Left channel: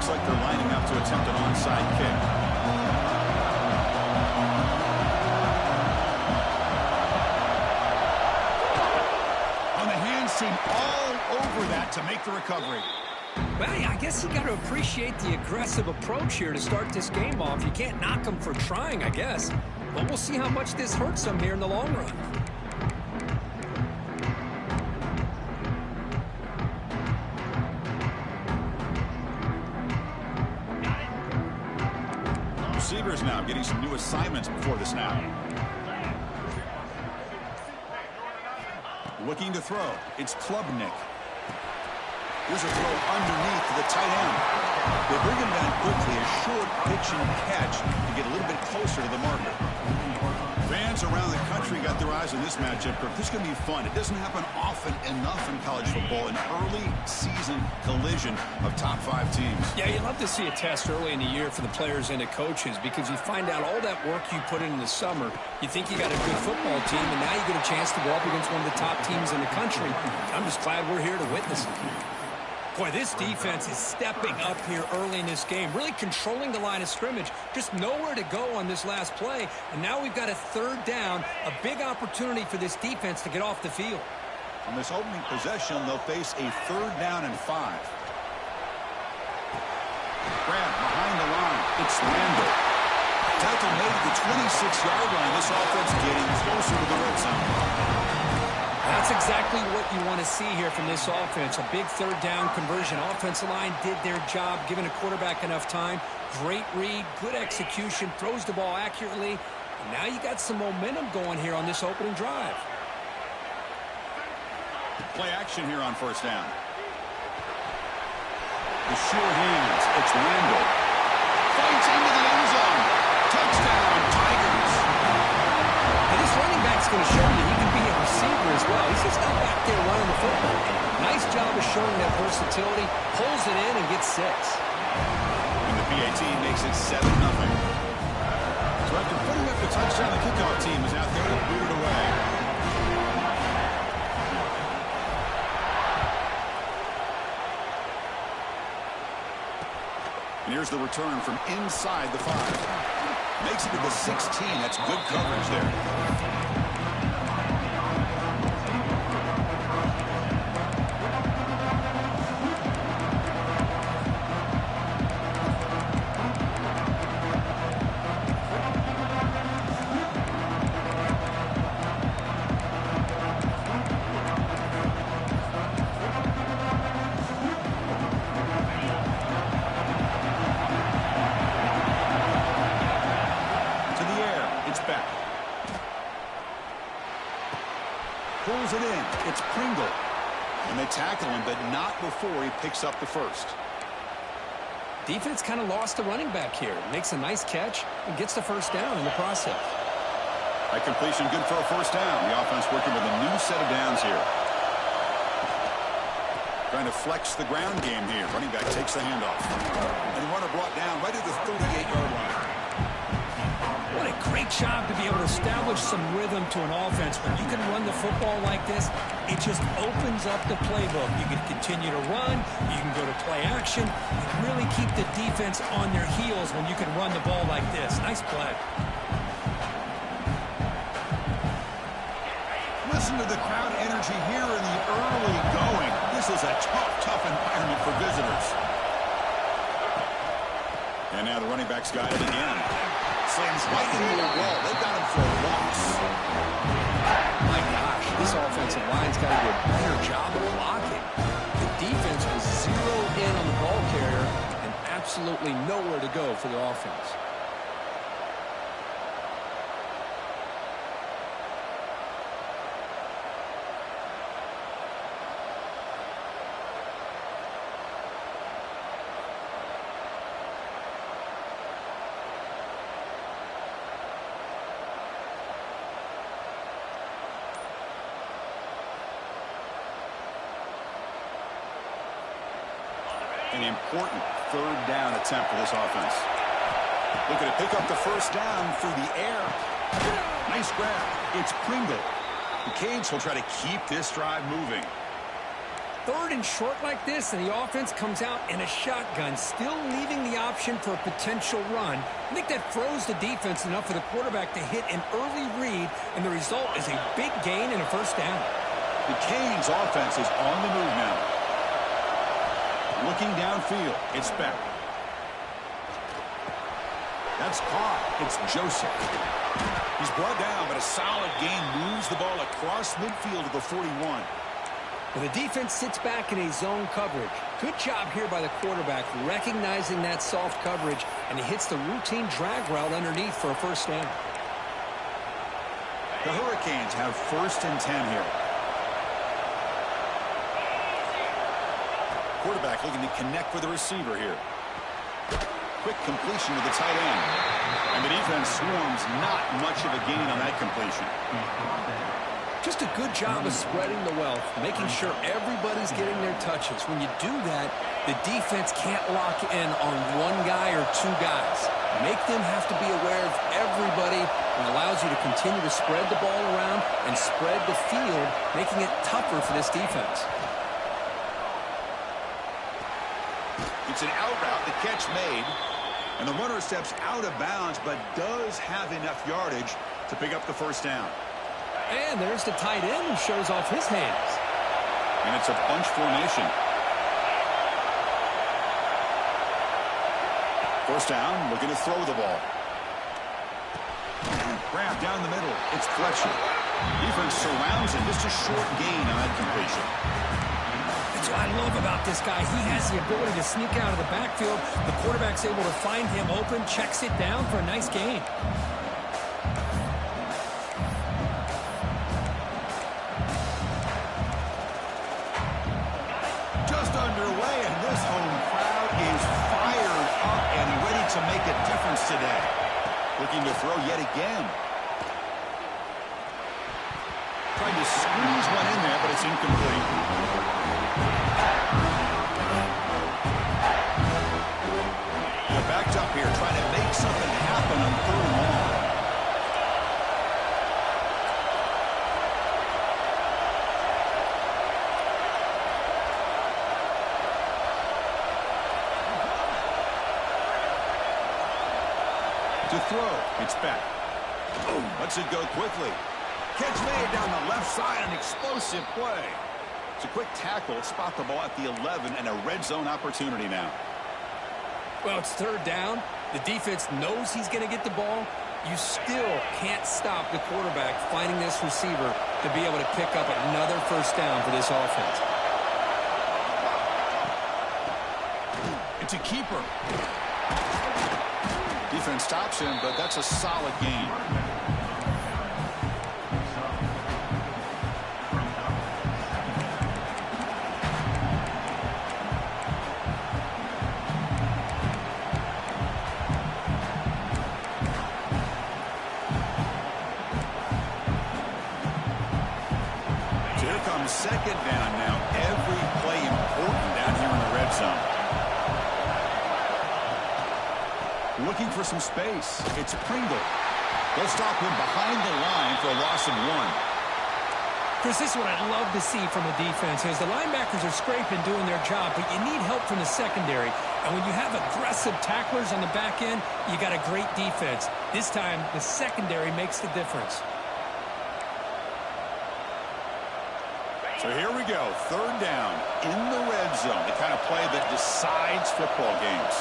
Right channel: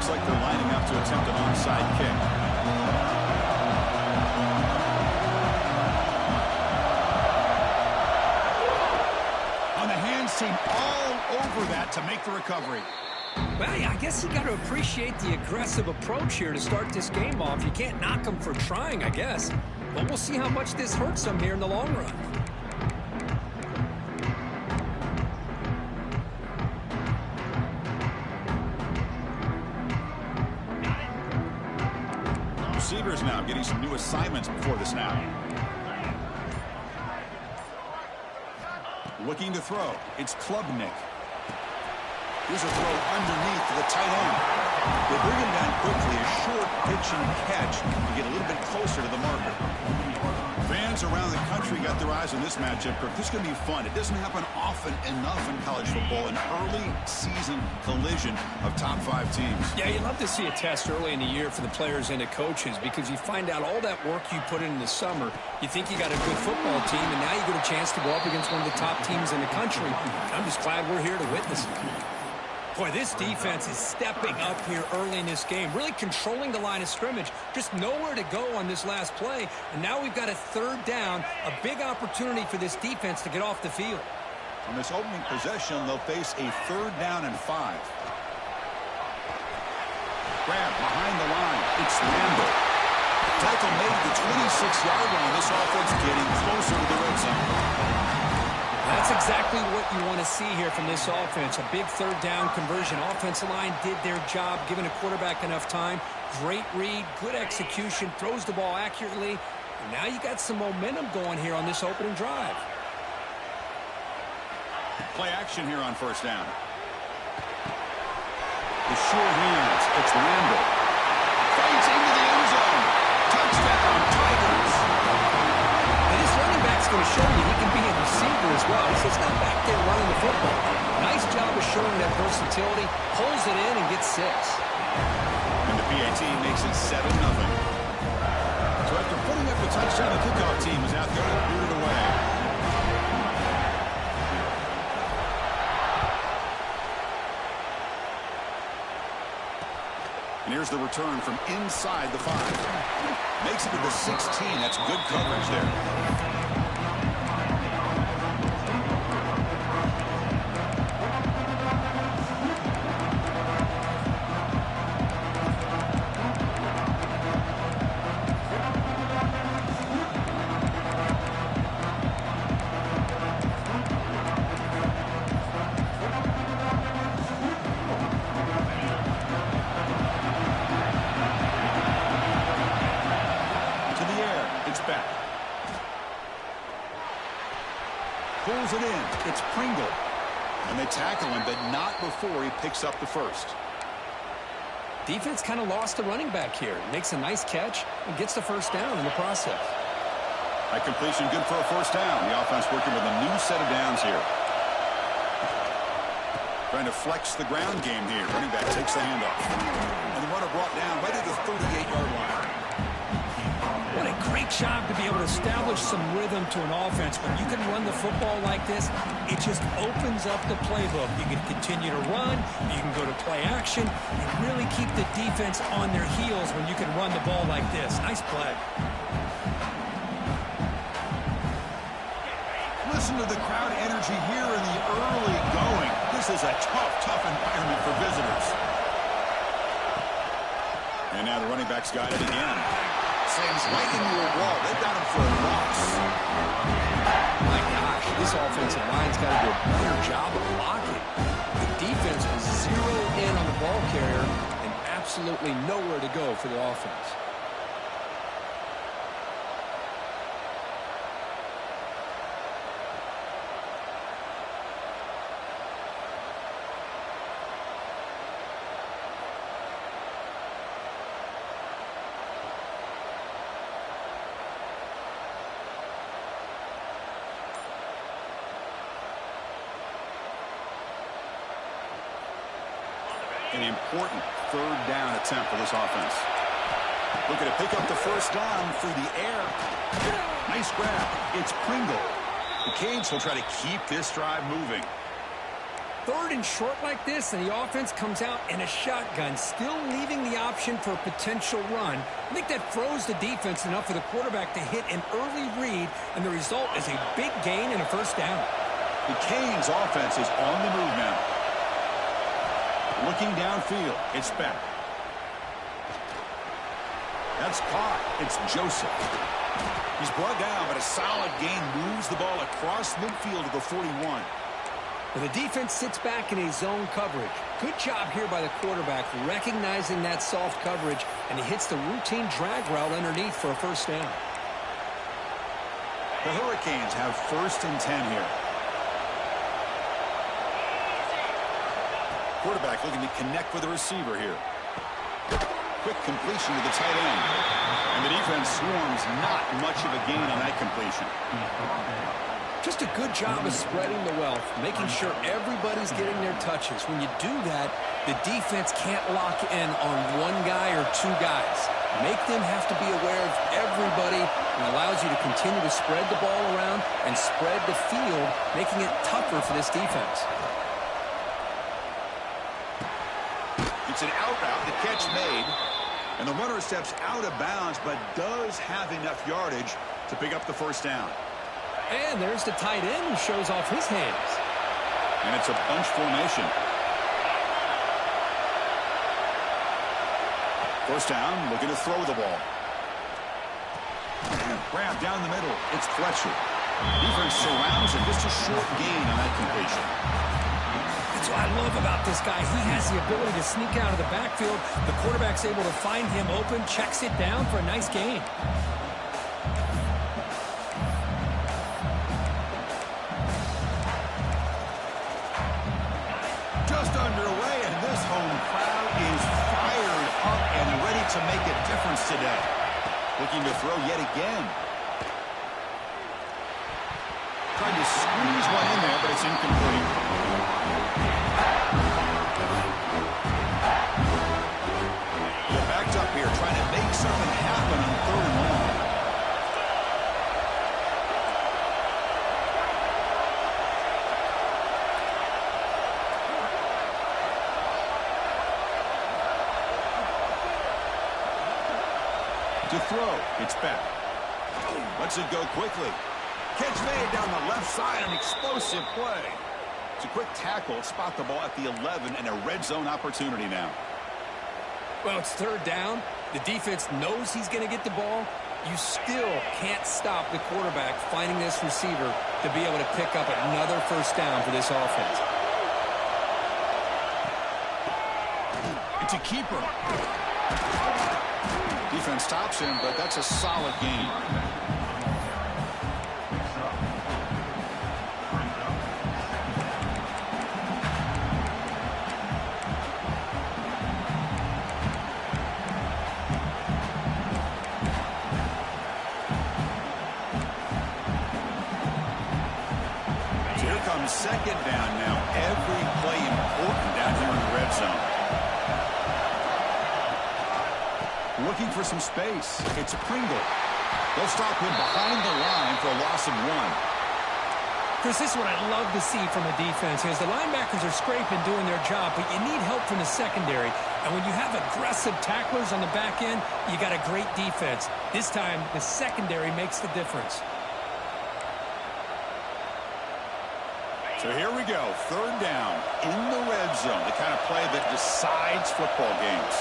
Looks like they're lining up to attempt an onside kick. On the hands team all over that to make the recovery. Well, yeah, I guess you got to appreciate the aggressive approach here to start this game off. You can't knock them for trying, I guess. But we'll see how much this hurts them here in the long run. Receivers now getting some new assignments before the snap. Looking to throw. It's Klubnik. Here's a throw underneath to the tight end. They bring him down quickly, a short pitch and catch to get a little bit closer to the marker. Fans around the country got their eyes on this matchup. This is going to be fun. It doesn't happen often enough in college football, an early season collision of top 5 teams. Yeah, you love to see a test early in the year for the players and the coaches because you find out all that work you put in the summer. You think you got a good football team, and now you get a chance to go up against one of the top teams in the country. I'm just glad we're here to witness it. Boy, this defense is stepping up here early in this game, really controlling the line of scrimmage. Just nowhere to go on this last play. And now we've got a 3rd down, a big opportunity for this defense to get off the field. On this opening possession, they'll face a 3rd down and 5. Grab behind the line. It's Randall. Tackle made at the 26-yard line. This offense getting closer to the red zone. That's exactly what you want to see here from this offense. A big 3rd down conversion. Offensive line did their job, giving a quarterback enough time. Great read, good execution, throws the ball accurately. And now you got some momentum going here on this opening drive. Play action here on 1st down. The short hands. It's Randall. Fights into the end zone. Touchdown, Tigers. And this running back's going to show you he can be a receiver as well. He's just not back there running the football. Nice job of showing that versatility. Pulls it in and gets 6. And the PAT makes it 7-0. So after putting up the touchdown, the kickoff team is out there to boot it away. And here's the return from inside the 5. Makes it to the 16. That's good coverage there. Pulls it in. It's Pringle. And they tackle him, but not before he picks up the 1st. Defense kind of lost the running back here. Makes a nice catch and gets the 1st down in the process. High completion, good for a 1st down. The offense working with a new set of downs here. Trying to flex the ground game here. Running back takes the handoff. And the runner brought down right at the 38-yard line. What a great job to be able to establish some rhythm to an offense. When you can run the football like this, it just opens up the playbook. You can continue to run. You can go to play action. You really keep the defense on their heels when you can run the ball like this. Nice play. Listen to the crowd energy here in the early going. This is a tough environment for visitors. And now the running back's got it again. Slams right into a wall. They've got him for a loss. My gosh, this offensive line's got to do a better job of blocking. The defense was 0 in on the ball carrier and absolutely nowhere to go for the offense. An important 3rd down attempt for this offense. Looking to pick up the 1st down through the air. Nice grab. It's Pringle. The Canes will try to keep this drive moving. Third and short like this, and the offense comes out in a shotgun, still leaving the option for a potential run. I think that froze the defense enough for the quarterback to hit an early read, and the result is a big gain and a first down. The Canes offense is on the move now. Looking downfield, it's back. That's caught. It's Joseph. He's brought down, but a solid gain moves the ball across midfield to the 41. Well, the defense sits back in a zone coverage. Good job here by the quarterback recognizing that soft coverage, and he hits the routine drag route underneath for a first down. The Hurricanes have 1st and 10 here. Quarterback looking to connect with the receiver here. Quick completion to the tight end. And the defense swarms, not much of a gain on that completion. Just a good job of spreading the wealth, making sure everybody's getting their touches. When you do that, the defense can't lock in on one guy or two guys. Make them have to be aware of everybody, and allows you to continue to spread the ball around and spread the field, making it tougher for this defense. It's an out route, the catch made, and the runner steps out of bounds but does have enough yardage to pick up the first down. And there's the tight end who shows off his hands. And it's a bunch formation. First down, looking to throw the ball. Grab down the middle, it's Fletcher. Defense surrounds him, just a short gain on that completion. That's what I love about this guy. He has the ability to sneak out of the backfield. The quarterback's able to find him open, checks it down for a nice gain. Just underway, and this home crowd is fired up and ready to make a difference today. Looking to throw yet again. Tried to squeeze one in there, but it's incomplete. They're backed up here, trying to make something happen on 3rd and long. To throw, it's back. Lets it go quickly. Catch made down the left side, an explosive play. It's a quick tackle, spot the ball at the 11, and a red zone opportunity now. Well, it's 3rd down. The defense knows he's going to get the ball. You still can't stop the quarterback finding this receiver to be able to pick up another first down for this offense. It's a keeper. Defense stops him, but that's a solid gain. So here comes 2nd down now. Every play important down here in the red zone. Looking for some space. It's Pringle. They'll stop him behind the line for a loss of 1. Chris, this is what I love to see from a defense. Is the linebackers are scraping, doing their job, but you need help from the secondary. And when you have aggressive tacklers on the back end, you got a great defense. This time, the secondary makes the difference. So here we go. 3rd down in the red zone. The kind of play that decides football games.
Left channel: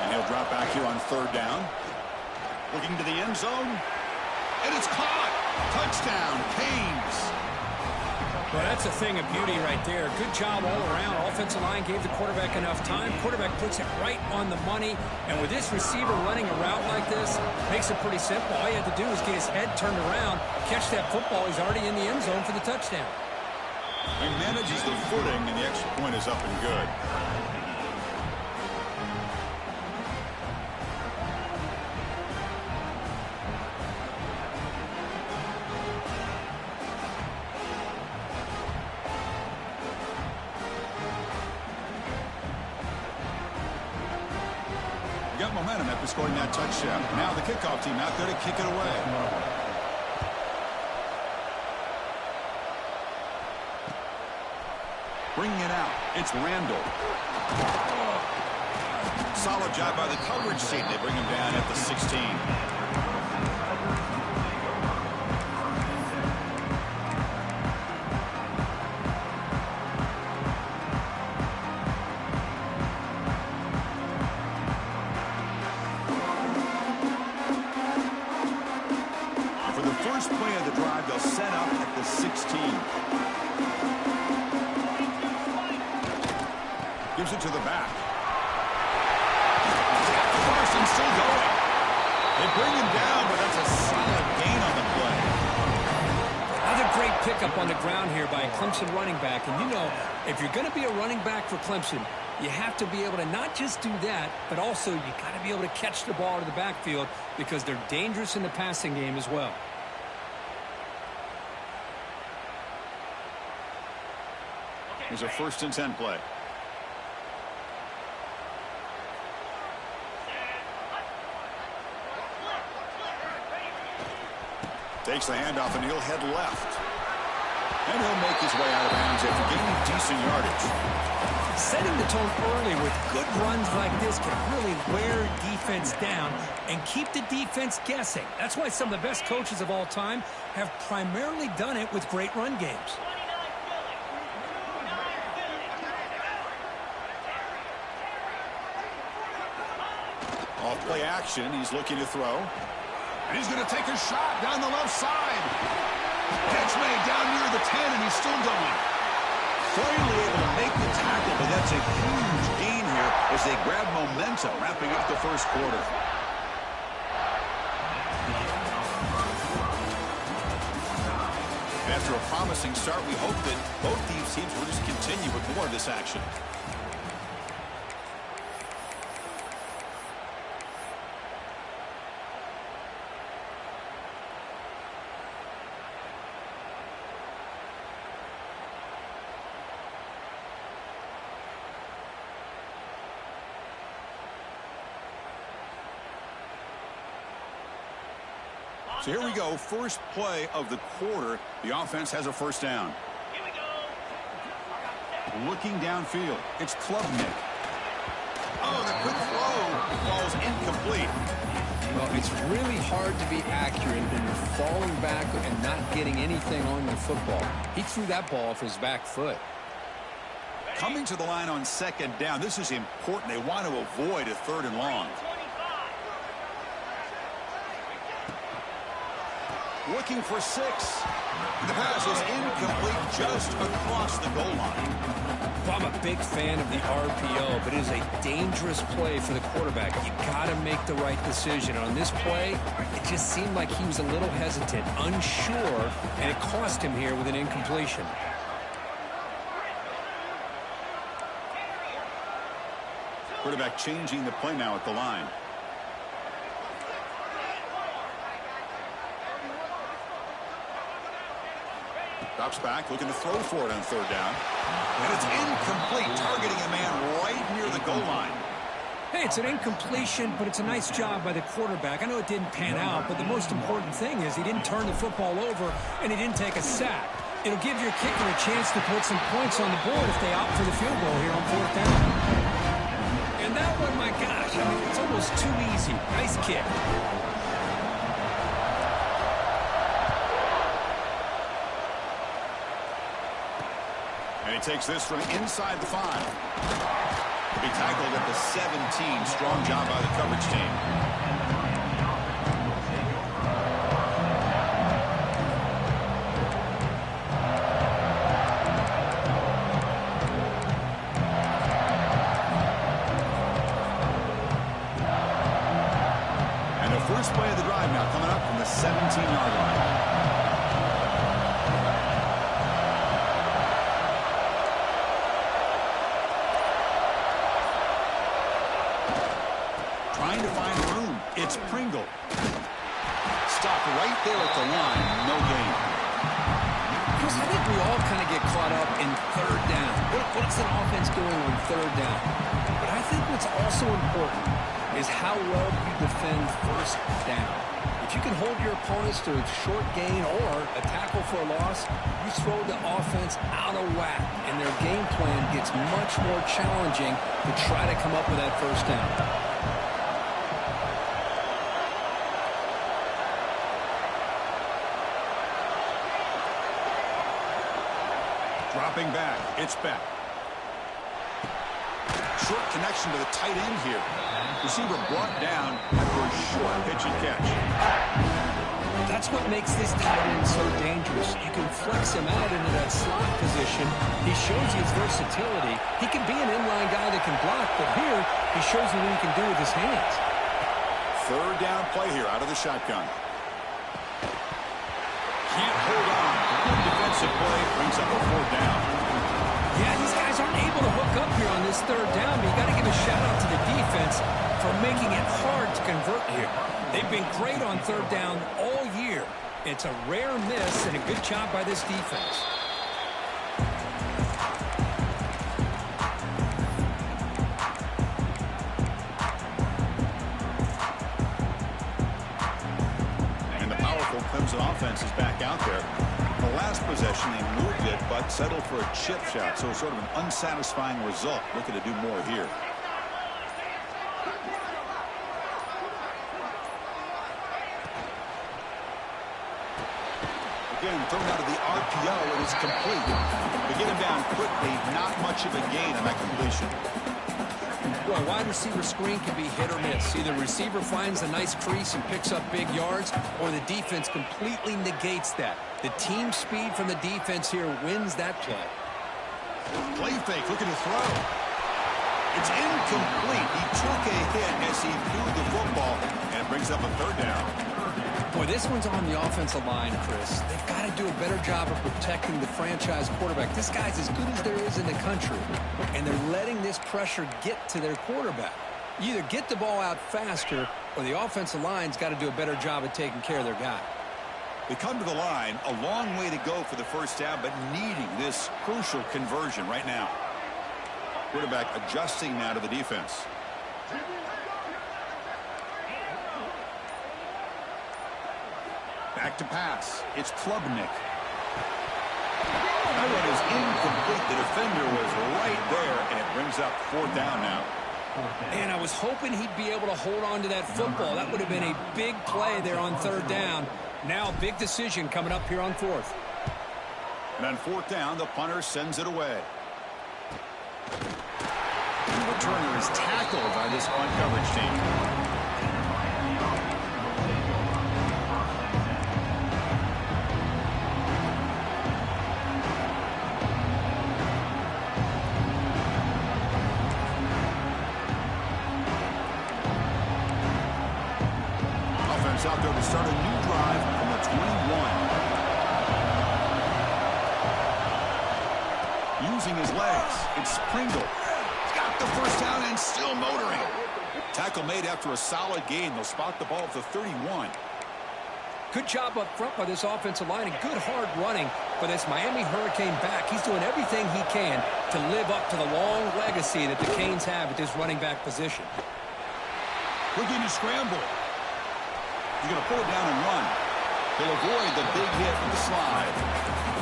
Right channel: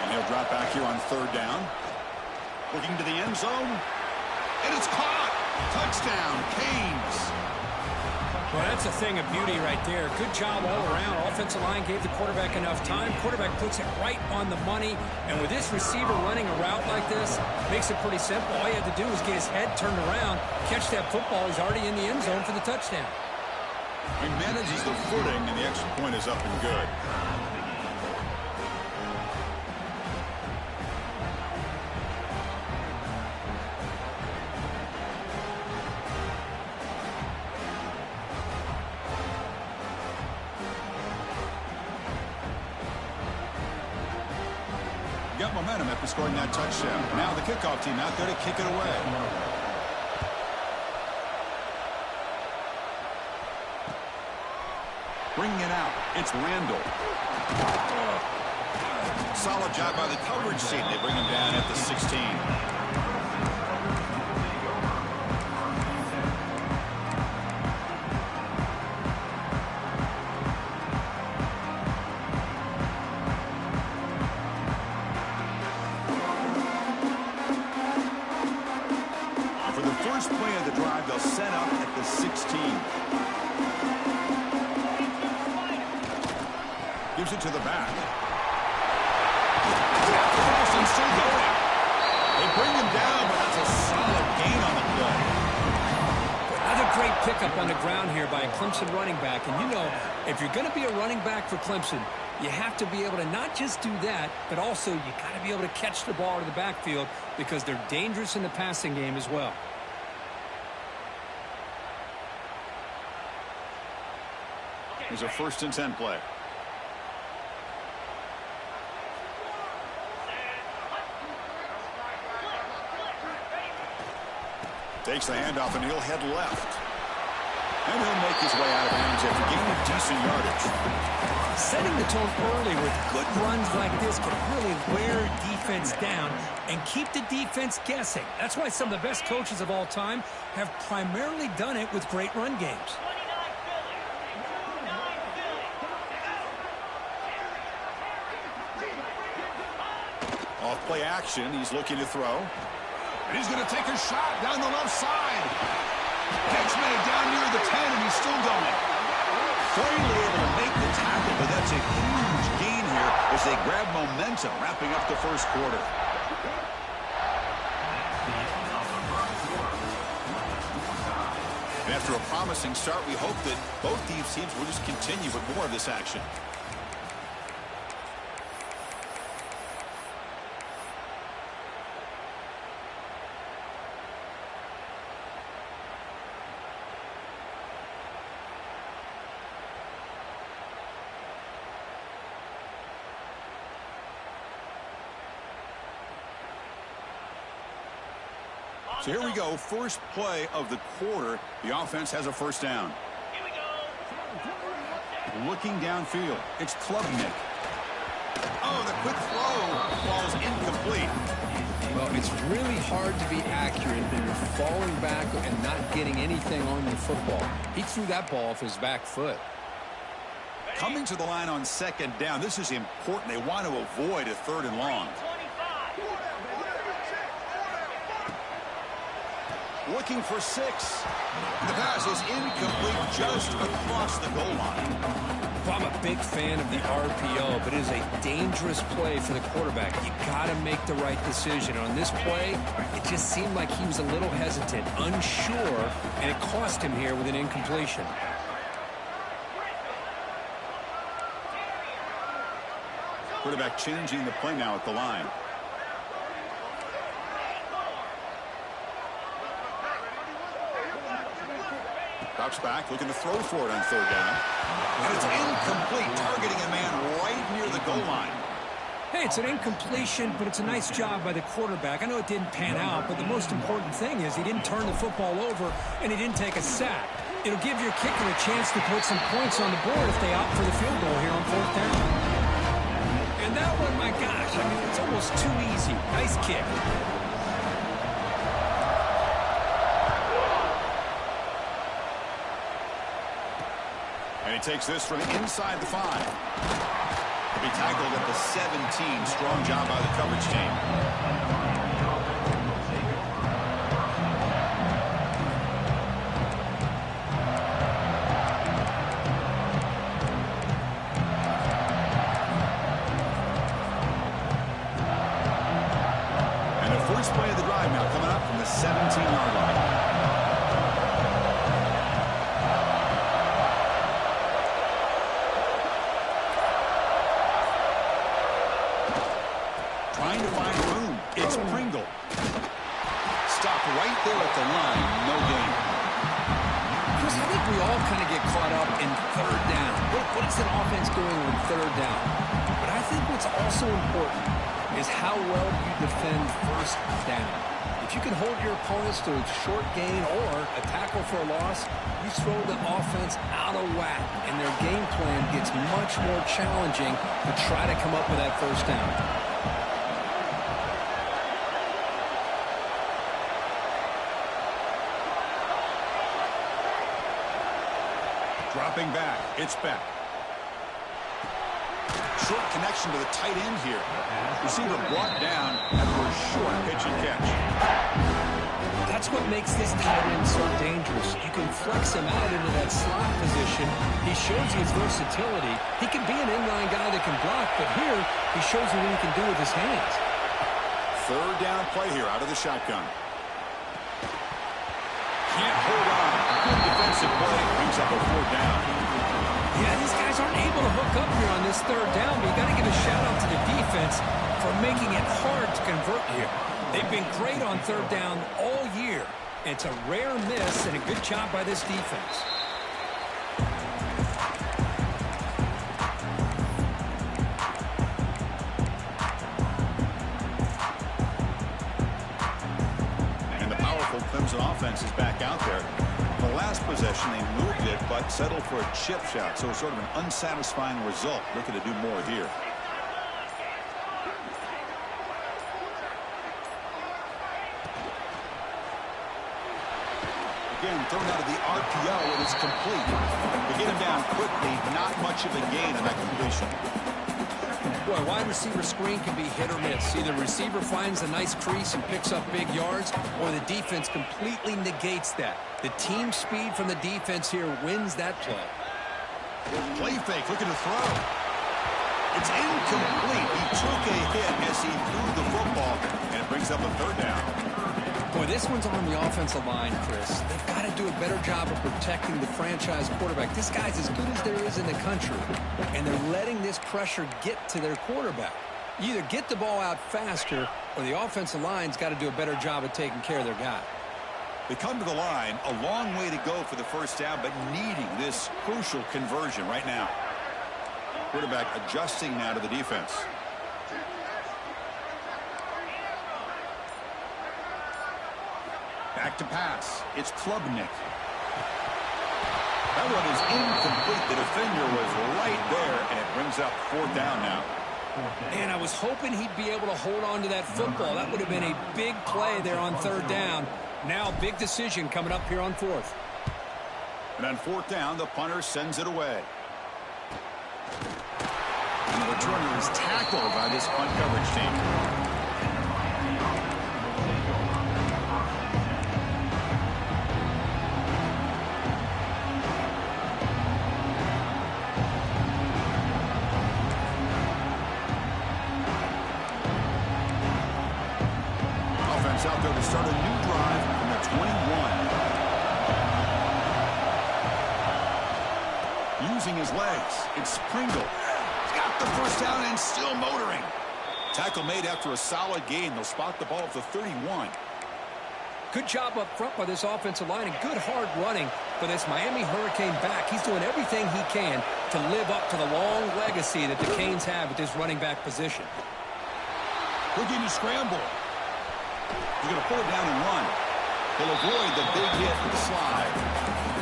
And he'll drop back here on 3rd down. Looking to the end zone. And it's caught. Touchdown, Canes. Well, that's a thing of beauty right there. Good job all around. Offensive line gave the quarterback enough time. Quarterback puts it right on the money. And with this receiver running a route like this, makes it pretty simple. All you had to do was get his head turned around, catch that football. He's already in the end zone for the touchdown. He manages the footing, and the extra point is up and good. Got momentum after scoring that touchdown. Now the kickoff team out there to kick it away. Bringing it out, it's Randall. Solid job by the coverage team. They bring him down at the 16. For the first play of the drive, they'll set up at the 16. Gives it to the back. Across and still going. They bring him down, but that's a solid gain on the play. Another great pickup on the ground here by a Clemson running back. And you know, if you're going to be a running back for Clemson, you have to be able to not just do that, but also you got to be able to catch the ball to the backfield because they're dangerous in the passing game as well. Here's a 1st and 10 play. Takes the handoff and he'll head left. And he'll make his way out of bounds after gaining decent yardage. Setting the tone early with good runs like this can really wear defense down and keep the defense guessing. That's why some of the best coaches of all time have primarily done it with great run games. Off play action, he's looking to throw. And he's going to take a shot down the left side. Catch made down near the 10, and he's still going. Finally able to make the tackle, but that's a huge gain here as they grab momentum, wrapping up the first quarter. And after a promising start, we hope that both these teams will just continue with more of this action. So here we go, first play of the quarter. The offense has a first down. Here we go. Looking downfield, it's Klubnik. Oh, the quick throw falls incomplete. Well, it's really hard to be accurate when you're falling back and not getting anything on your football. He threw that ball off his back foot. Coming to the line on 2nd down, this is important. They want to avoid a 3rd and long. Looking for 6. The pass is incomplete just across the goal line. Well, I'm a big fan of the RPO, but it is a dangerous play for the quarterback. You got to make the right decision. On this play, it just seemed like he was a little hesitant, unsure, and it cost him here with an incompletion. Quarterback changing the play now at the line. Drops back, looking to throw for it on 3rd down. And it's incomplete, targeting a man right near the goal line. Hey, it's an incompletion, but it's a nice job by the quarterback. I know it didn't pan out, but the most important thing is he didn't turn the football over and he didn't take a sack. It'll give your kicker a chance to put some points on the board if they opt for the field goal here on 4th down. And that one, my gosh, I mean, it's almost too easy. Nice kick. And he takes this from inside the 5. He'll be tackled at the 17. Strong job by the coverage team. And the first play of the drive now coming up from the 17-yard line. Trying to find room. It's Pringle. Stopped right there at the line. No gain. Chris, I think we all kind of get caught up in 3rd down. What's an offense doing on 3rd down? But I think what's also important is how well you defend 1st down. If If you can hold your opponents to a short gain or a tackle for a loss, you throw the offense out of whack, and their game plan gets much more challenging to try to come up with that first down. Dropping back, it's Beck. Short connection to the tight end here. Receiver brought down after a short pitch and catch. That's what makes this tight end so dangerous. You can flex him out into that slot position. He shows you his versatility. He can be an inline guy that can block, but here he shows you what he can do with his hands. Third down play here out of the shotgun. Can't hold on. Good defensive play. Brings up a fourth down. Yeah, these guys aren't able to hook up here on this third down, but you got to give a shout-out to the defense for making it hard to convert here. They've been great on third down all year. It's a rare miss and a good job by this defense. And the powerful Clemson offense is back out there. The last possession, they moved it, but settled for a chip shot. So it's sort of an unsatisfying result. Looking to do more here. Again, thrown out of the RPO, and it's complete. They get him down quickly, not much of a gain on that completion. Boy, wide receiver screen can be hit or miss. Either receiver finds a nice crease and picks up big yards, or the defense completely negates that. The team speed from the defense here wins that play. Play fake, looking to throw. It's incomplete. He took a hit as he threw the football, and it brings up a third down. Boy, this one's on the offensive line, Chris. They've got to do a better job of protecting the franchise quarterback. This guy's as good as there is in the country, and they're letting this pressure get to their quarterback. You either get the ball out faster, or the offensive line's got to do a better job of taking care of their guy. They come to the line, a long way to go for the first down, but needing this crucial conversion right now. Quarterback adjusting now to the defense. Back to pass. It's Klubnik. That one is incomplete. The defender was right there, and it brings up fourth down now. And I was hoping he'd be able to hold on to that football. That would have been a big play there on third down. Now, big decision coming up here on fourth. And on fourth down, the punter sends it away. And the returner is tackled by this punt coverage team. Out there to start a new drive from the 21. Using his legs, it's Pringle. He's got the first down and still motoring. Tackle made after a solid gain. They'll spot the ball at the 31. Good job up front by this offensive line and good hard running for this Miami Hurricane back. He's doing everything he can to live up to the long legacy that the Canes have at this running back position. Looking to scramble. He's going to pull it down and run. He'll avoid the big hit with the slide.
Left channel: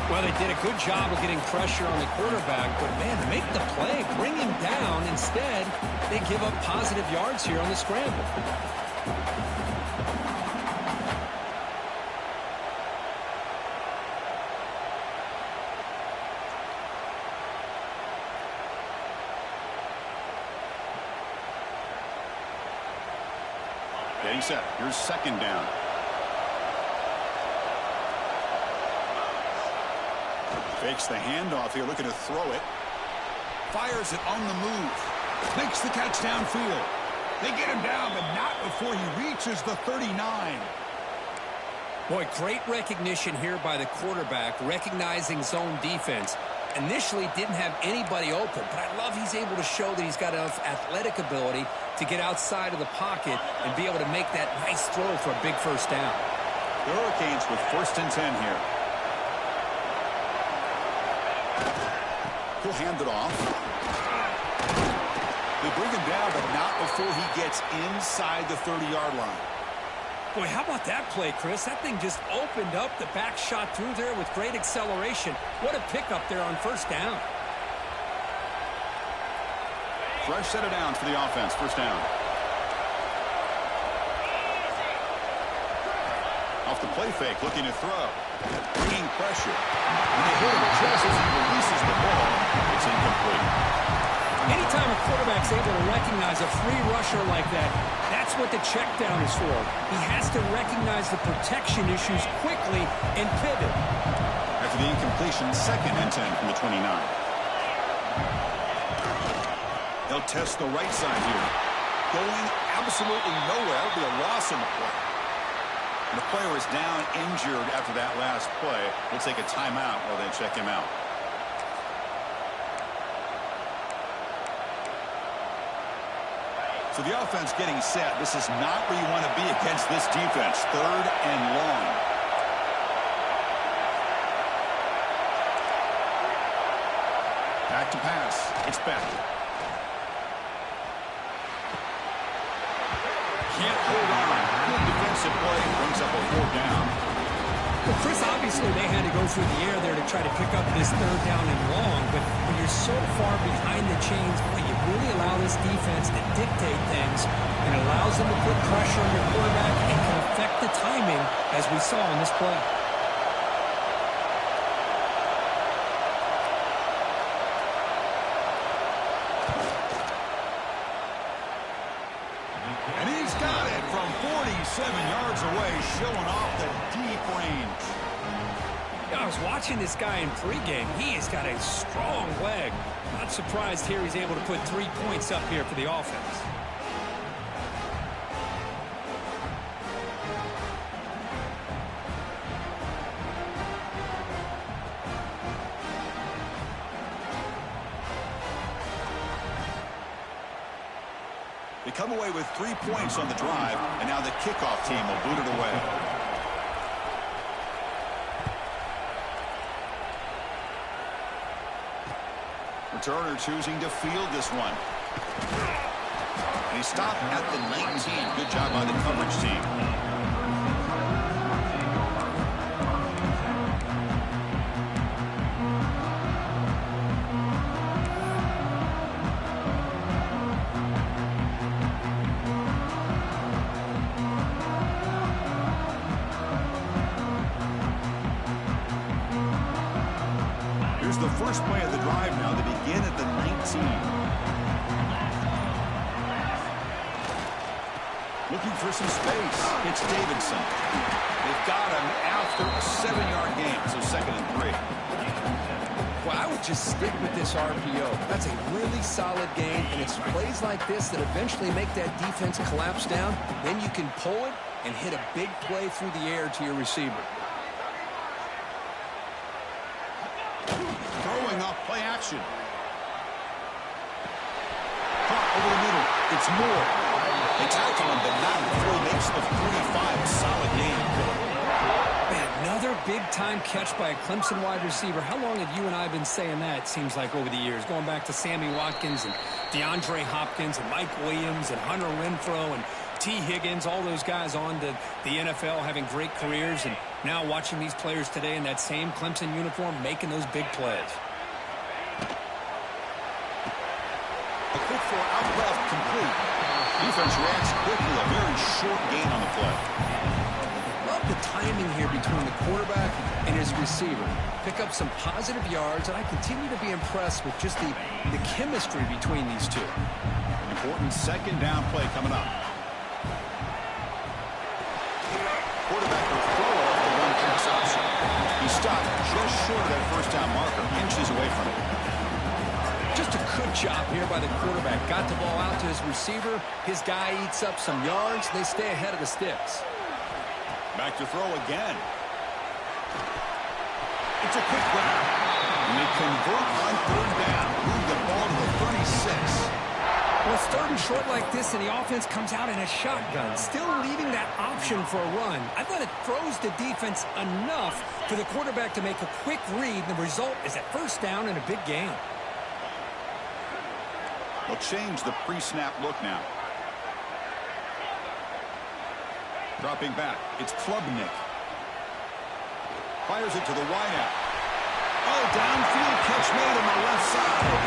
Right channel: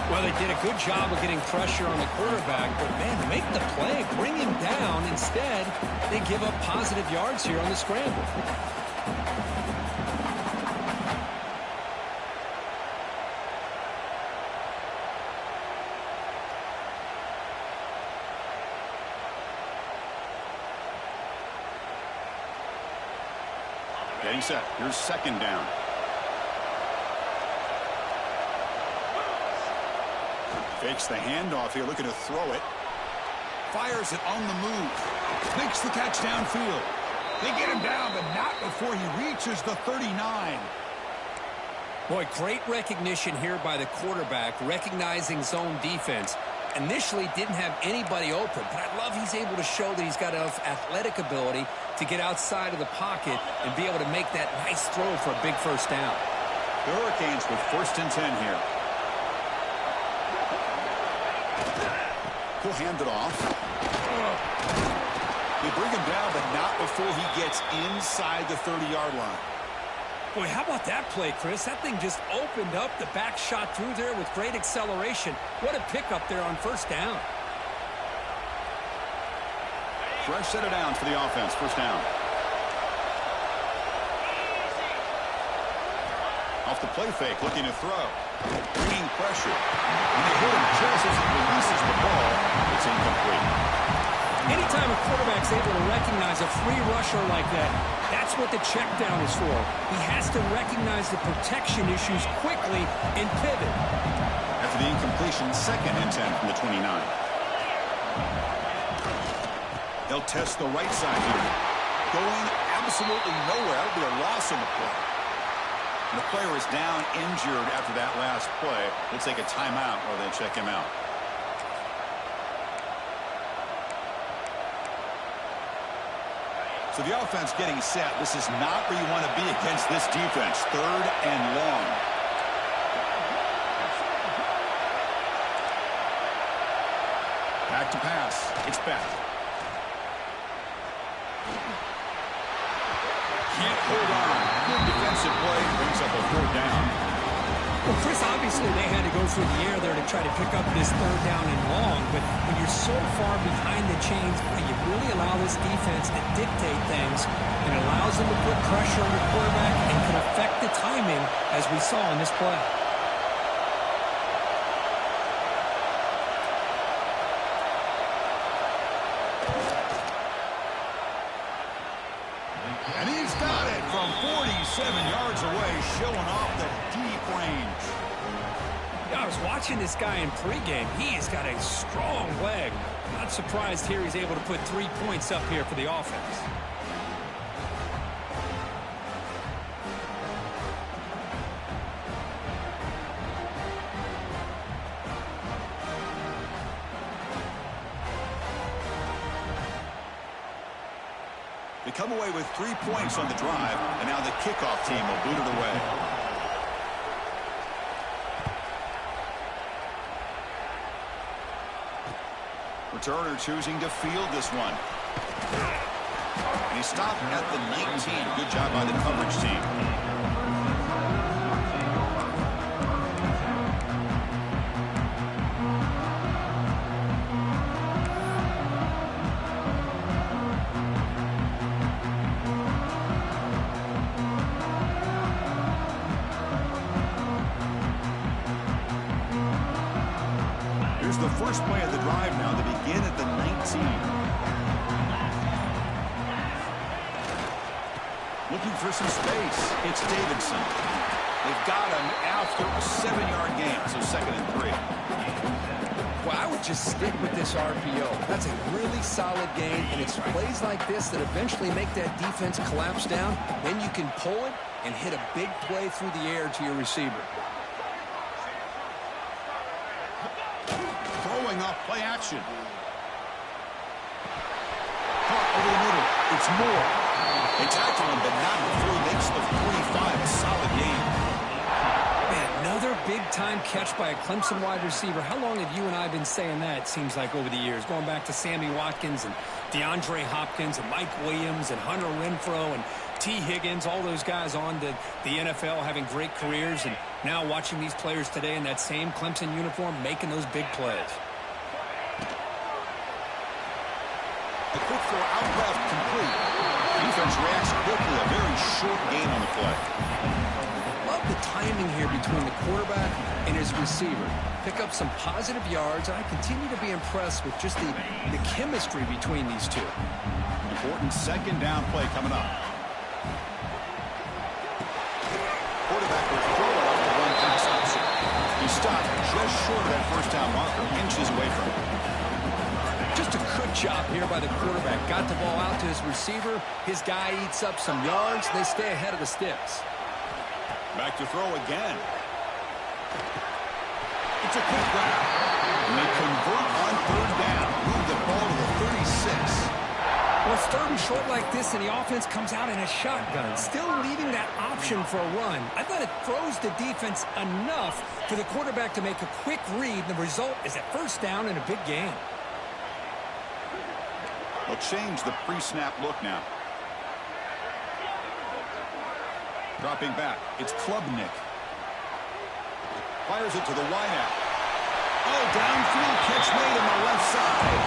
Well, they did a good job of getting pressure on the quarterback, but, man, to make the play, bring him down. Instead, they give up positive yards here on the scramble. Getting set. Here's second down. Fakes the handoff here, looking to throw it. Fires it on the move. Makes the catch downfield. They get him down, but not before he reaches the 39. Boy, great recognition here by the quarterback, recognizing zone defense. Initially didn't have anybody open, but I love he's able to show that he's got enough athletic ability to get outside of the pocket and be able to make that nice throw for a big first down. The Hurricanes with 1st and 10 here. He'll hand it off. They bring him down, but not before he gets inside the 30-yard line. Boy, how about that play, Chris? That thing just opened up. The back shot through there with great acceleration. What a pickup there on first down. Fresh set of downs for the offense. First down. Off the play fake, looking to throw. Bringing pressure. When they hit him just as he releases the ball, it's incomplete. Anytime a quarterback's able to recognize a free rusher like that, that's what the check down is for. He has to recognize the protection issues quickly and pivot. After the incompletion, 2nd and 10 from the 29. They'll test the right side here. Going absolutely nowhere. That'll be a loss on the play. And the player is down injured after that last play. We'll take a timeout while they check him out. So the offense getting set. This is not where you want to be against this defense. 3rd and long. Back to pass. It's back. Can't hold on. Good defensive play. Brings up a 4th down. Well, Chris, obviously they had to go through the air there to try to pick up this 3rd down and long, but when you're so far behind the chains, boy, you really allow this defense to dictate things, and it allows them to put pressure on your quarterback and can affect the timing, as we saw in this play. And he's got it from 47 yards away, showing off the deep range. Yeah, I was watching this guy in pregame. He has got a strong leg. Not surprised here he's able to put 3 points up here for the offense. They come away with 3 points on the drive, and now the kickoff team will boot it away. Returner choosing to field this one. And he stopped at the 19. Good job by the coverage team. The first play of the drive now. They begin at the 19. Looking for some space. It's Davidson. They've got him after a 7-yard gain, so 2nd and 3. Well, I would just stick with this RPO. That's a really solid gain, and it's plays like this that eventually make that defense collapse down. Then you can pull it and hit a big play through the air to your receiver. Throwing off play action. Caught over the middle. It's Moore. They tackle him, but not before he makes the 45. A solid game. Man, another big-time catch by a Clemson wide receiver. How long have you and I been saying that, it seems like, over the years? Going back to Sammy Watkins and DeAndre Hopkins and Mike Williams and Hunter Renfrow and T. Higgins, all those guys on to the NFL having great careers, and now watching these players today in that same Clemson uniform making those big plays. A quick throw out left, complete. Defense reacts quickly, a very short gain on the play. Love the timing here between the quarterback and his receiver. Pick up some positive yards, and I continue to be impressed with just the chemistry between these two. Important 2nd down play coming up. Quarterback will throw it off the run pass option. He stopped just short of that 1st down marker, inches away from it. Just a good job here by the quarterback. Got the ball out to his receiver. His guy eats up some yards. They stay ahead of the sticks. Back to throw again. It's a quick grab. And they convert on 3rd down. Move the ball to the 36. Well, it's 3rd and short like this, and the offense comes out in a shotgun, still leaving that option for a run. I thought it throws the defense enough for the quarterback to make a quick read, and the result is a 1st down and a big gain. They'll change the pre-snap look now. Dropping back, it's Klubnik. Fires it to the wideout. Oh, downfield catch made on the left side.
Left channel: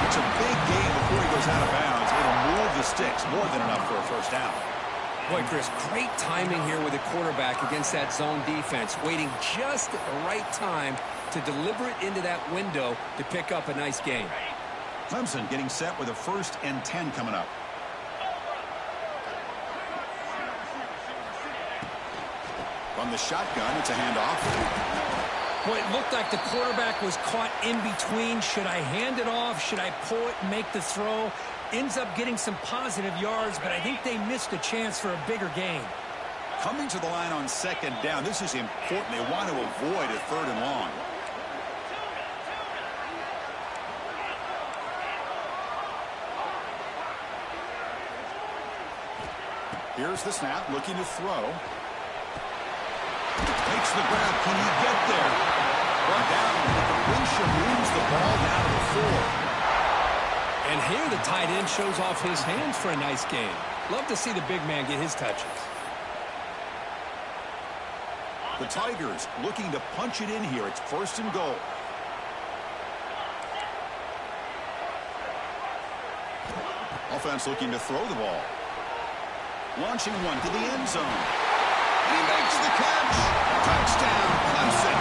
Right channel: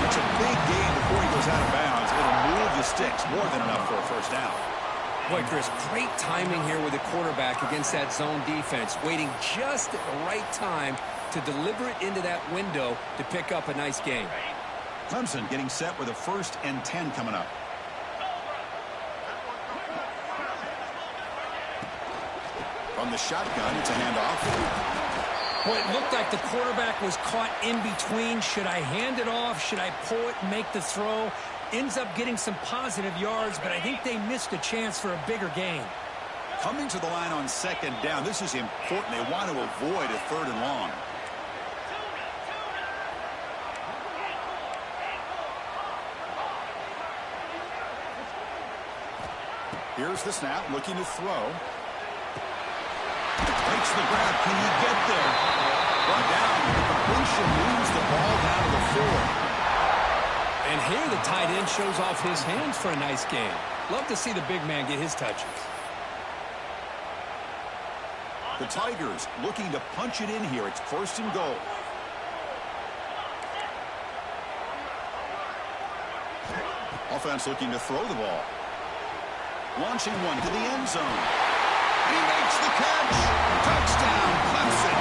That's a big gain before he goes out of bounds. It'll move the sticks, more than enough for a first down. Boy, Chris, great timing here with the quarterback against that zone defense, waiting just at the right time to deliver it into that window to pick up a nice gain. Clemson getting set with a 1st and 10 coming up. From the shotgun, it's a handoff. Boy, it looked like the quarterback was caught in between. Should I hand it off? Should I pull it and make the throw? Ends up getting some positive yards, but I think they missed a chance for a bigger gain. Coming to the line on 2nd down, this is important. They want to avoid a 3rd and long. Here's the snap, looking to throw. Takes the grab. Can he get there? Brought down. The completion moves the ball down to the 4. And here the tight end shows off his hands for a nice gain. Love to see the big man get his touches. The Tigers looking to punch it in here. It's 1st and goal. Offense looking to throw the ball. Launching one to the end zone. And he makes the catch. Touchdown, Clemson.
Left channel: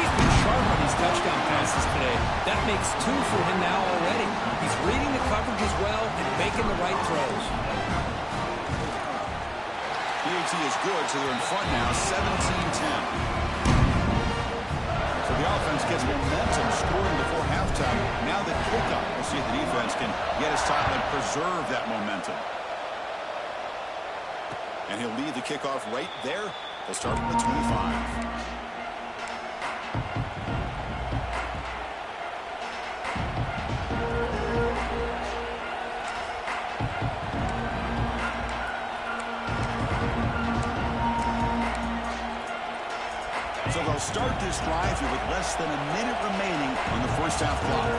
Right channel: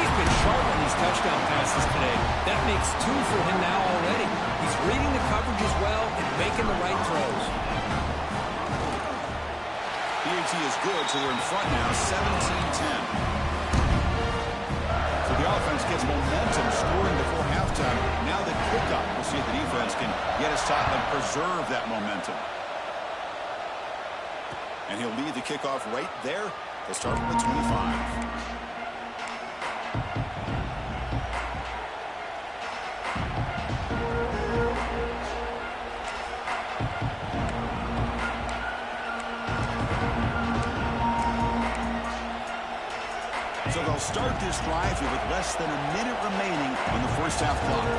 He's been sharp on these touchdown passes today. That makes 2 for him now already. He's reading the coverage as well and making the right throws. PAT is good, so they're in front now, 17-10. So the offense gets momentum, scoring before halftime. Now the kickoff. We'll see if the defense can get his top and preserve that momentum. And he'll lead the kickoff right there. They'll start from the 25. So they'll start this drive here with less than a minute remaining on the first half clock.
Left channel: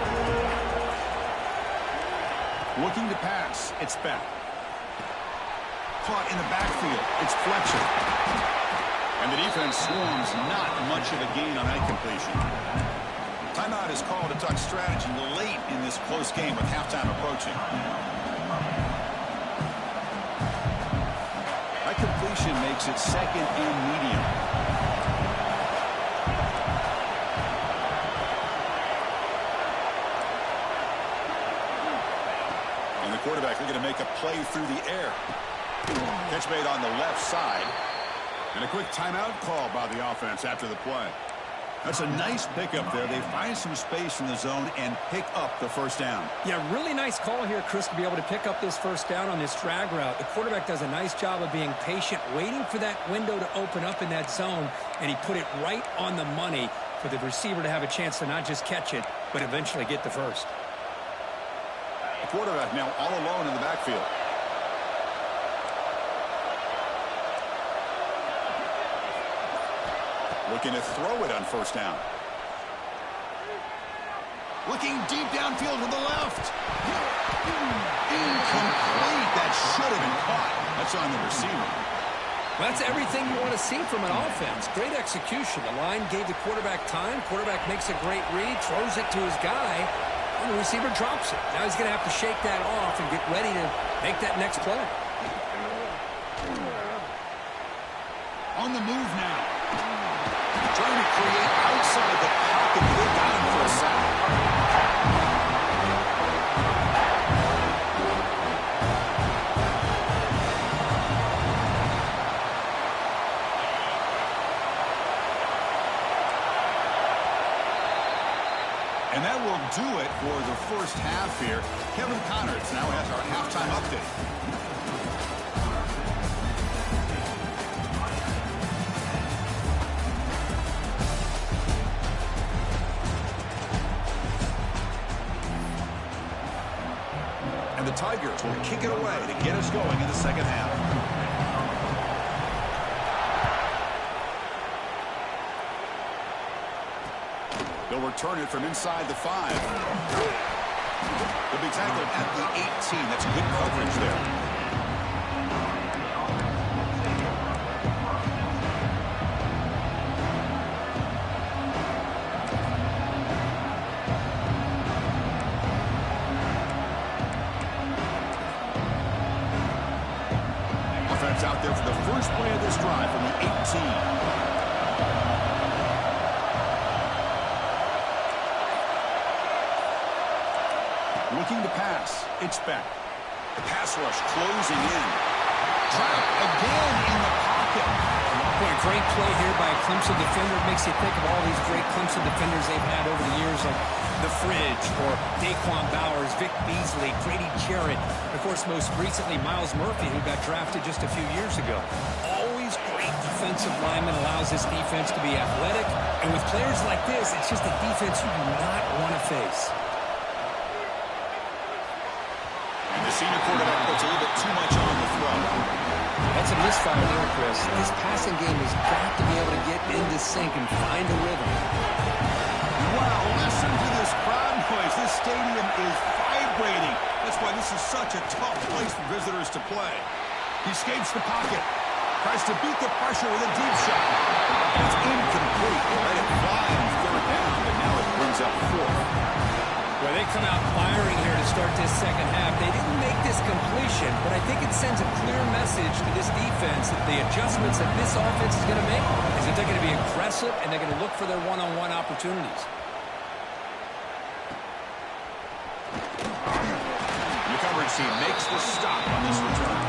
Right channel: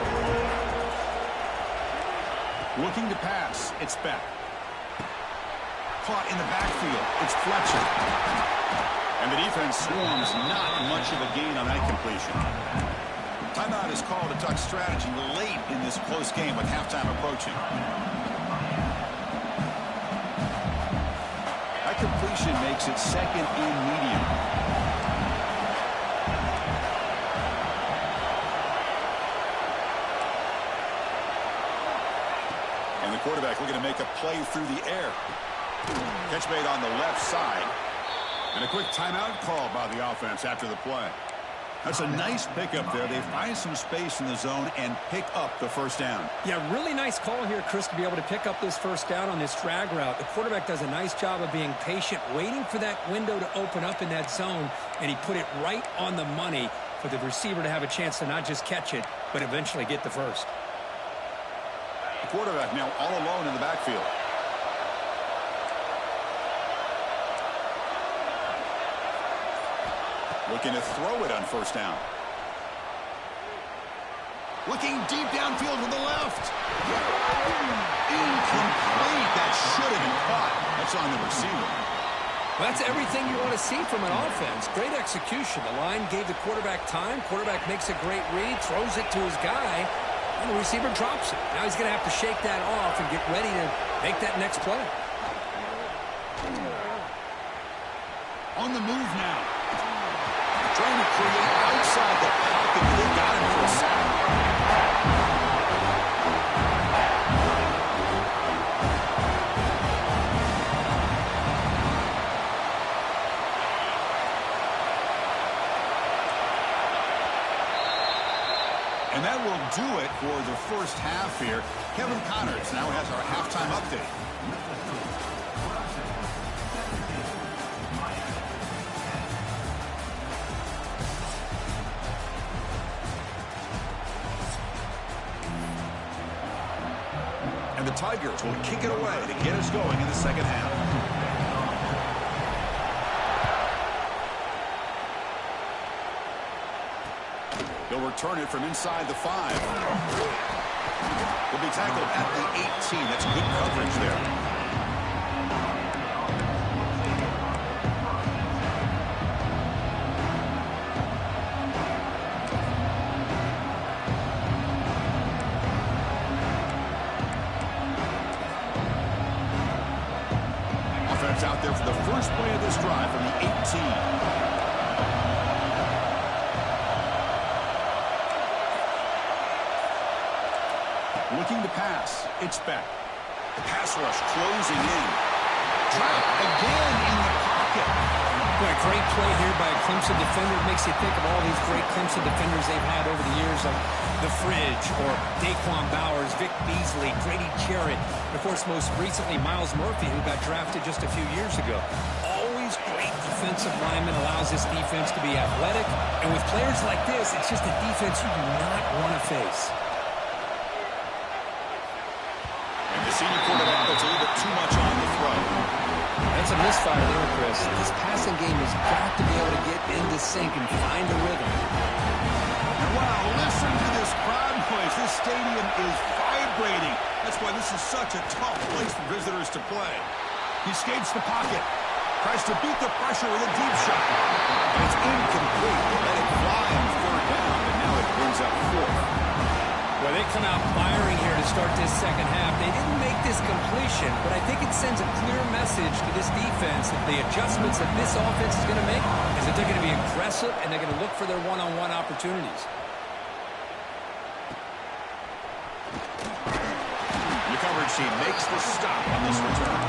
Looking to pass. It's Beck. Caught in the backfield. It's Fletcher. And the defense swarms. Not much of a gain on that completion. Timeout is called to talk strategy late in this close game with halftime approaching. That completion makes it 2nd and medium. And the quarterback looking to make a play through the air. Catch made on the left side. And a quick timeout call by the offense after the play. That's a nice pickup there. They find some space in the zone and pick up the first down. Yeah, really nice call here, Chris, to be able to pick up this first down on this drag route. The quarterback does a nice job of being patient, waiting for that window to open up in that zone, and he put it right on the money for the receiver to have a chance to not just catch it, but eventually get the first. The quarterback now all alone in the backfield. Looking to throw it on first down. Looking deep downfield to the left. Incomplete. That should have been caught. That's on the receiver. Well, that's everything you want to see from an offense. Great execution. The line gave the quarterback time. Quarterback makes a great read, throws it to his guy, and the receiver drops it. Now he's going to have to shake that off and get ready to make that next play. On the move now. Trying to create outside the pocket, but they got him for a sack. And that will do it for the first half here. Kevin Connors now has our halftime update. The Tigers will kick it away to get us going in the second half. They'll return it from inside the 5. He'll be tackled at the 18. That's good coverage there. offense out there for the first play of this drive from the 18. Looking to pass. It's back. The pass rush closing in. Trapped again in the pocket. Boy, great play here by a Clemson defender. It makes you think of all these great Clemson defenders they've had over the years, like The Fridge or Daquan Bowers, Vic Beasley, Grady Jarrett, and, of course, most recently, Miles Murphy, who got drafted just a few years ago. Always great defensive lineman, allows this defense to be athletic. And with players like this, it's just a defense you do not want to face. And the senior quarterback puts a little bit too much on the throw. That's a misfire there, Chris. This passing game has got to be able to get into sync and find a rhythm. And wow, listen to this crowd noise. This stadium is vibrating. That's why this is such a tough place for visitors to play. He escapes the pocket. Tries to beat the pressure with a deep shot. And it's incomplete. They let it fly on third down, but now it brings up fourth. Well, they come out firing here to start this second half. They didn't make this completion, but I think it sends a clear message to this defense that the adjustments that this offense is going to make is that they're going to be aggressive and they're going to look for their one-on-one opportunities. The coverage team makes the stop on this return.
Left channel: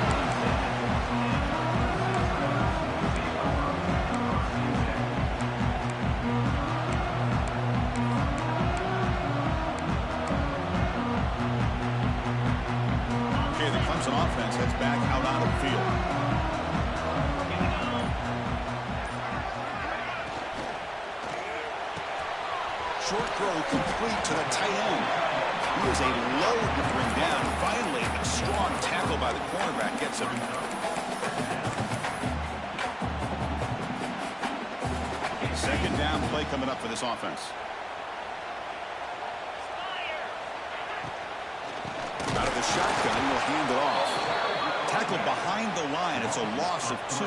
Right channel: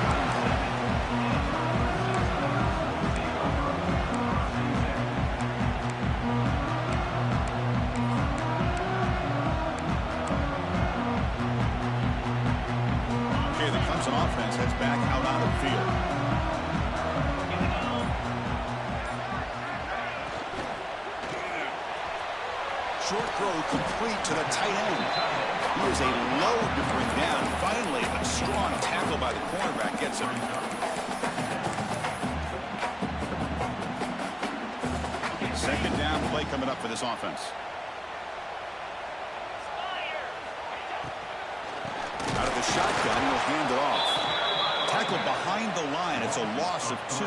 Clemson offense heads back out on the field. Short throw complete to the tight end. He is a load to bring down. Finally, a strong tackle by the cornerback gets him. Second down play coming up for this offense. Out of the shotgun, he'll hand it off. Tackled behind the line. It's a loss of 2.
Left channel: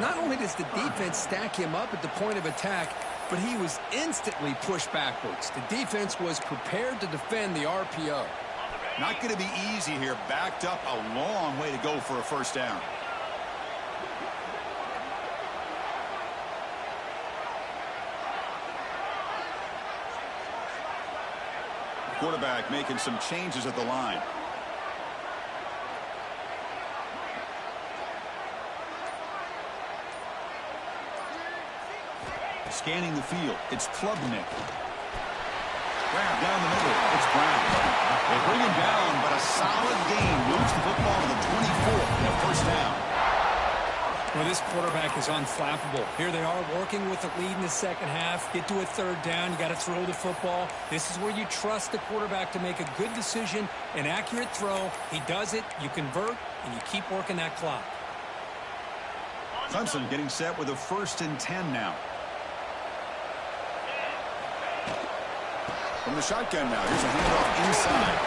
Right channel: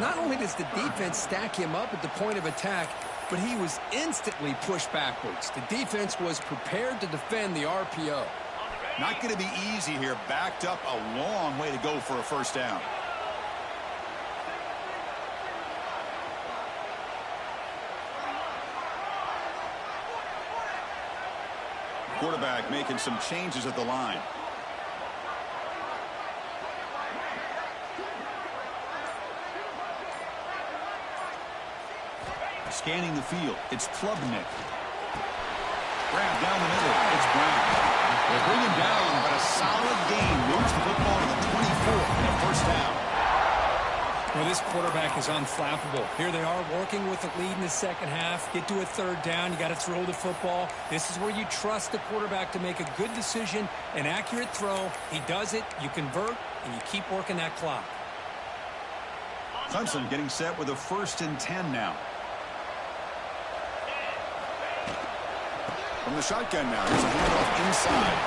Not only does the defense stack him up at the point of attack, but he was instantly pushed backwards. The defense was prepared to defend the RPO. Not going to be easy here. Backed up a long way to go for a first down. Quarterback making some changes at the line. Scanning the field. It's Klubnik. Grab down the middle. It's Brown. They bring him down, but a solid gain moves the football to the 24 and a first down. Well, this quarterback is unflappable. Here they are working with the lead in the second half. Get to a third down. You got to throw the football. This is where you trust the quarterback to make a good decision, an accurate throw. He does it. You convert, and you keep working that clock. Clemson getting set with a 1st and 10 now. From the shotgun now. Here's a handoff inside.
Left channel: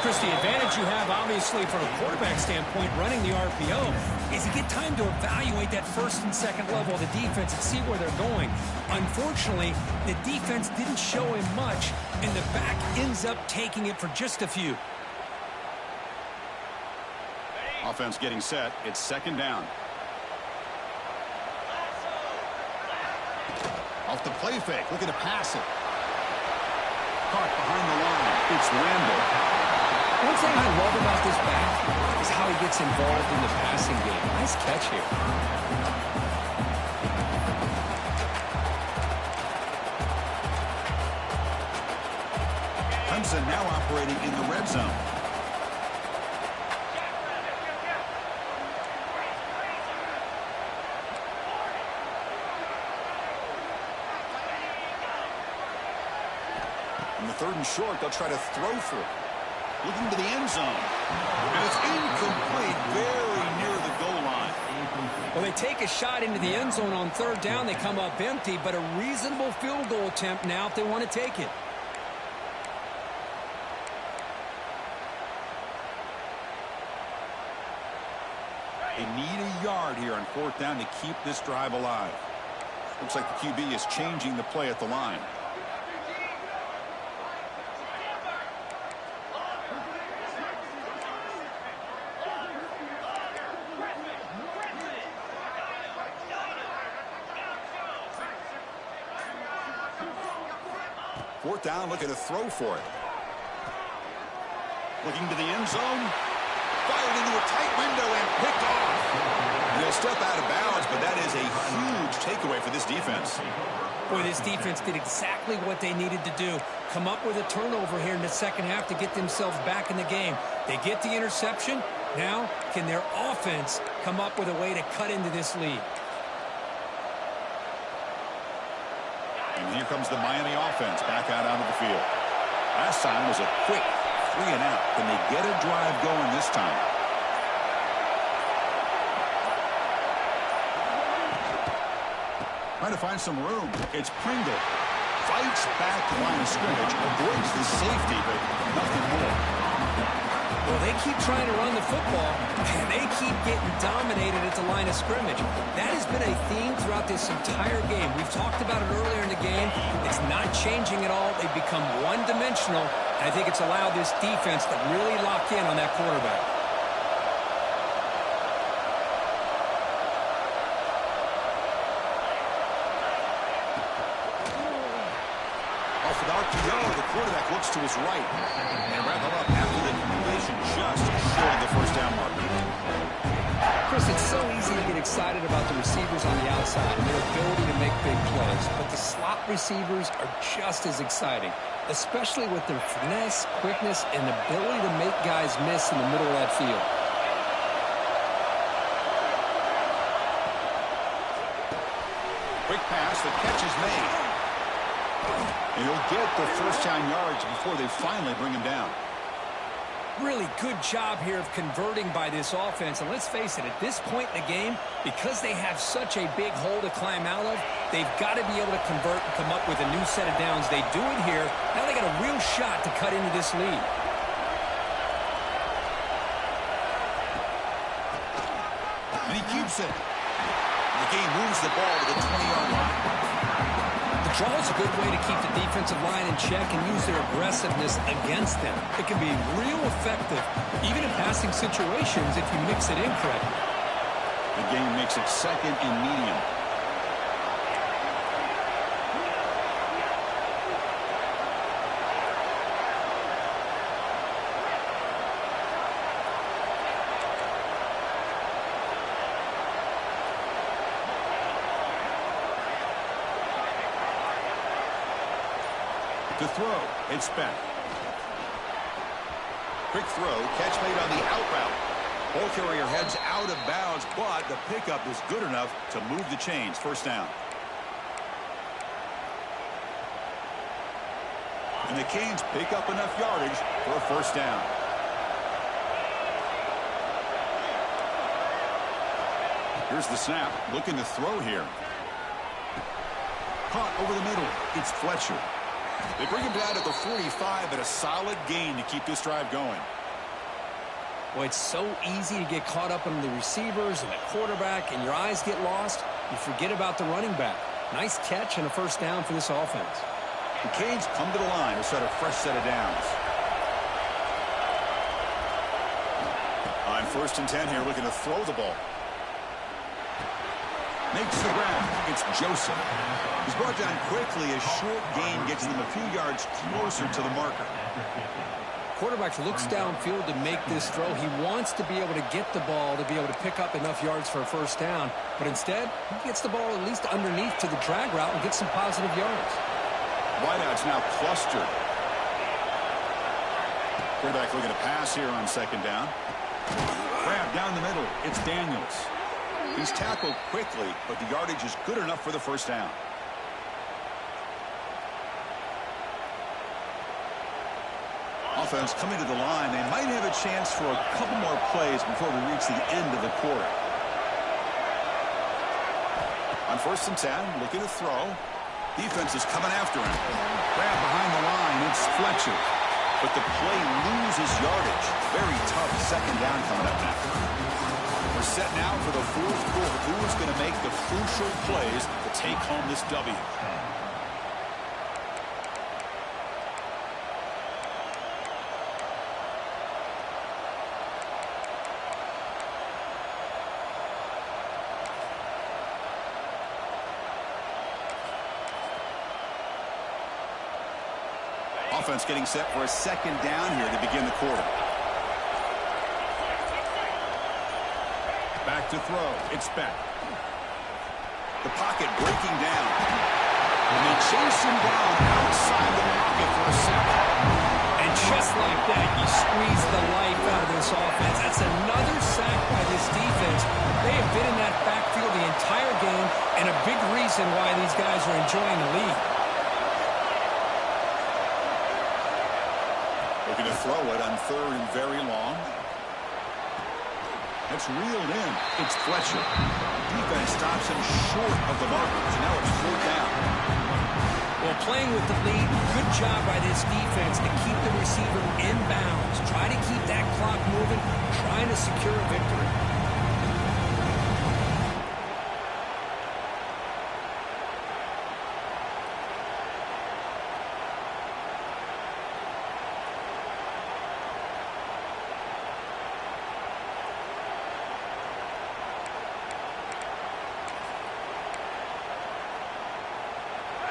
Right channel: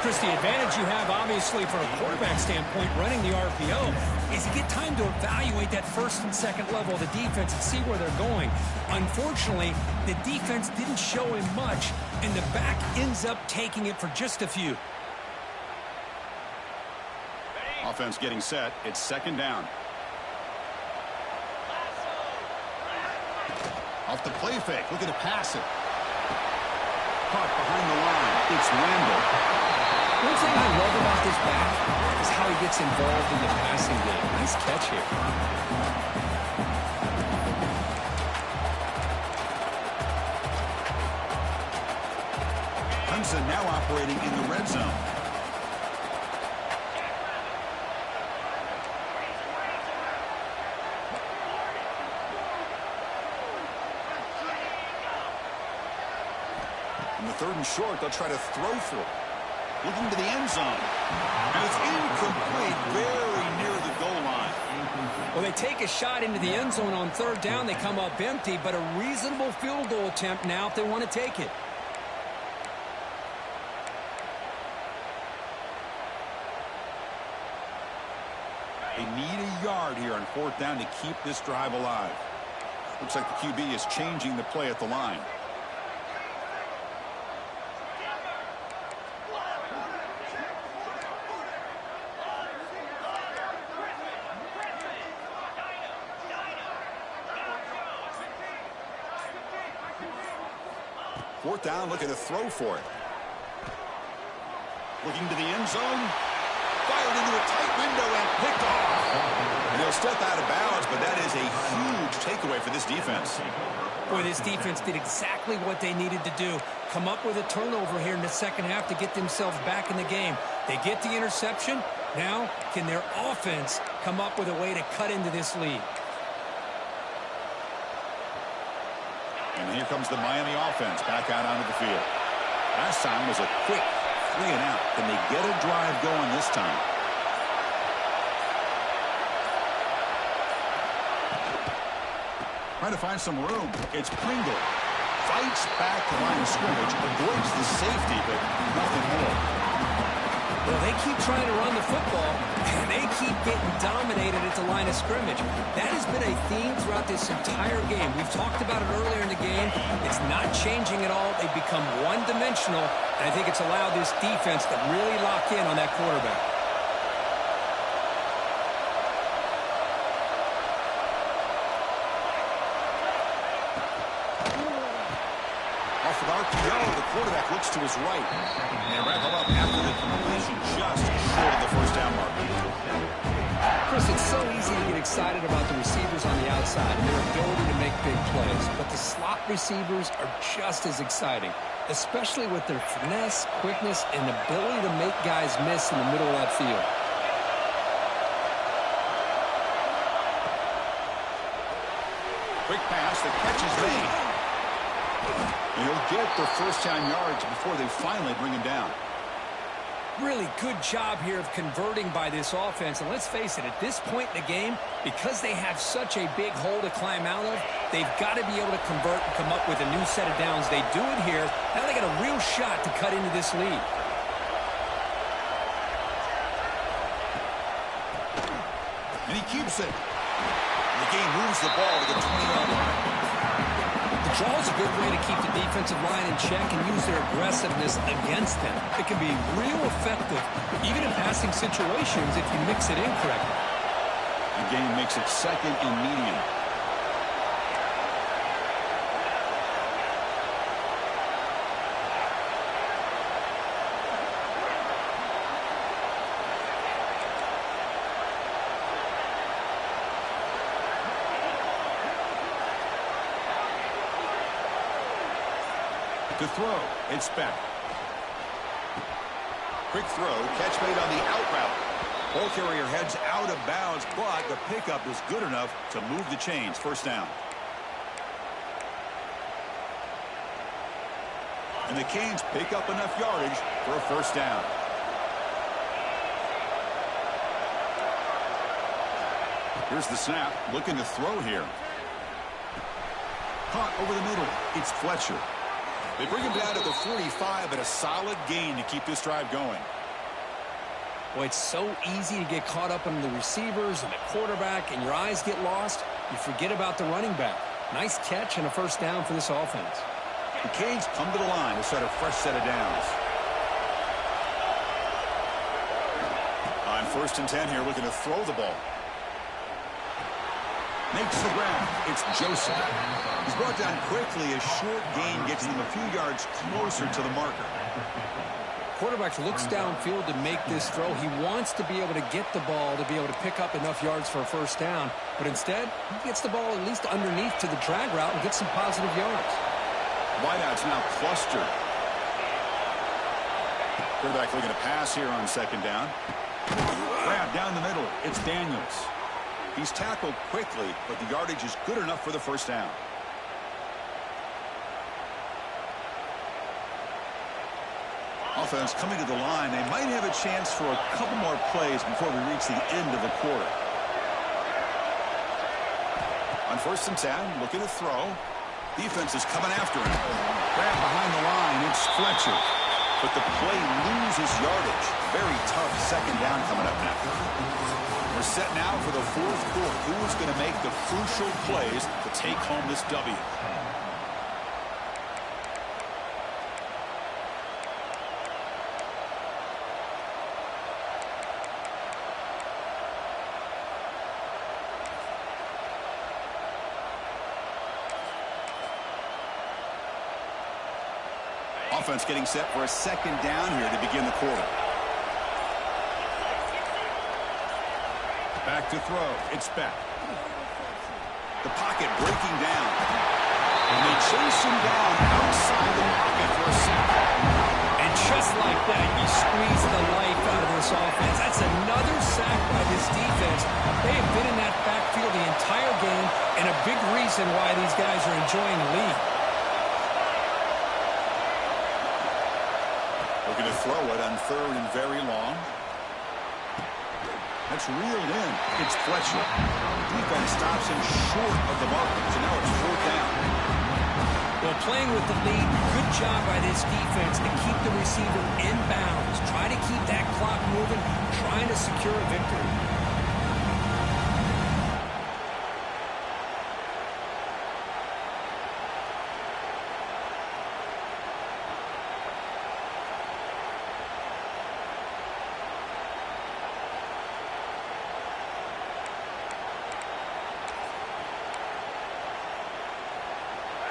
Chris, the advantage you have, obviously, from a quarterback standpoint, running the RPO, is you get time to evaluate that first and second level of the defense and see where they're going. Unfortunately, the defense didn't show him much, and the back ends up taking it for just a few. Offense getting set. It's second down. Off the play fake. Looking to pass it. Caught behind the line. It's Randall. One thing I love about this back is how he gets involved in the passing game. Nice catch here. Clemson now operating in the red zone. On the 3rd and short, they'll try to throw for it. Looking to the end zone. And it's incomplete, very near the goal line. Well, they take a shot into the end zone on 3rd down. They come up empty, but a reasonable field goal attempt now if they want to take it. They need a yard here on 4th down to keep this drive alive. Looks like the QB is changing the play at the line. Fourth down, looking to throw for it. Looking to the end zone. Fired into a tight window and picked off. And he'll step out of bounds, but that is a huge takeaway for this defense. Boy, this defense did exactly what they needed to do. Come up with a turnover here in the second half to get themselves back in the game. They get the interception. Now, can their offense come up with a way to cut into this lead? And here comes the Miami offense back out onto the field. Last time was a quick 3 and out. Can they get a drive going this time? Trying to find some room. It's Pringle. Fights back the line of scrimmage. Avoids the safety, but nothing more. Well, they keep trying to run the football, and they keep getting dominated at the line of scrimmage. That has been a theme throughout this entire game. We've talked about it earlier in the game. It's not changing at all. They've become one-dimensional, and I think it's allowed this defense to really lock in on that quarterback. Off with RPO, the quarterback looks to his right. And wrap him up after the completion, just short of the first down marker. Chris, it's so easy to get excited about the receivers on the outside and their ability to make big plays. But the slot receivers are just as exciting, especially with their finesse, quickness, and ability to make guys miss in the middle of that field. Quick pass, the catch is made. And he'll get the first down yards before they finally bring him down. Really good job here of converting by this offense. And let's face it, at this point in the game, because they have such a big hole to climb out of, they've got to be able to convert and come up with a new set of downs. They do it here. Now they got a real shot to cut into this lead. And he keeps it. The game moves the ball to the 20-yard line. The draw is a good way to keep the defensive line in check and use their aggressiveness against them. It can be real effective, even in passing situations, if you mix it in correctly. The game makes it second and medium. To throw, it's Beck. Quick throw, catch made on the out route. Ball carrier heads out of bounds, but the pickup is good enough to move the chains. First down. And the Canes pick up enough yardage for a first down. Here's the snap, looking to throw here. Caught over the middle, it's Fletcher. They bring him down to the 45, but a solid gain to keep this drive going. Well, it's so easy to get caught up on the receivers and the quarterback, and your eyes get lost. You forget about the running back. Nice catch and a first down for this offense. The Canes come to the line to start a fresh set of downs. On 1st and 10 here, looking to throw the ball. Makes the grab. It's Joseph. He's brought down quickly. A short gain gets them a few yards closer to the marker. Quarterback looks downfield to make this throw. He wants to be able to get the ball to be able to pick up enough yards for a first down. But instead, he gets the ball at least underneath to the drag route and gets some positive yards. Wideout's now clustered. Quarterback looking to pass here on 2nd down. Grab down the middle. It's Daniels. He's tackled quickly, but the yardage is good enough for the first down. Offense coming to the line. They might have a chance for a couple more plays before we reach the end of the quarter. On 1st and 10, looking to throw. Defense is coming after him. Grab behind the line. It's Fletcher. But the play loses yardage. Very tough 2nd down coming up now. We're set now for the 4th quarter. Who is going to make the crucial plays to take home this W? Offense getting set for a second down here to begin the quarter. Back to throw. It's Beck. The pocket breaking down. And they chase him down outside the pocket for a sack. And just like that, you squeeze the life out of this offense. That's another sack by this defense. They have been in that backfield the entire game, and a big reason why these guys are enjoying the lead. Looking to throw it on third and very long. That's reeled in. It's Fletcher. Defense stops him short of the marker, so now it's fourth down. Well, playing with the lead, good job by this defense to keep the receiver in bounds. Try to keep that clock moving, trying to secure a victory.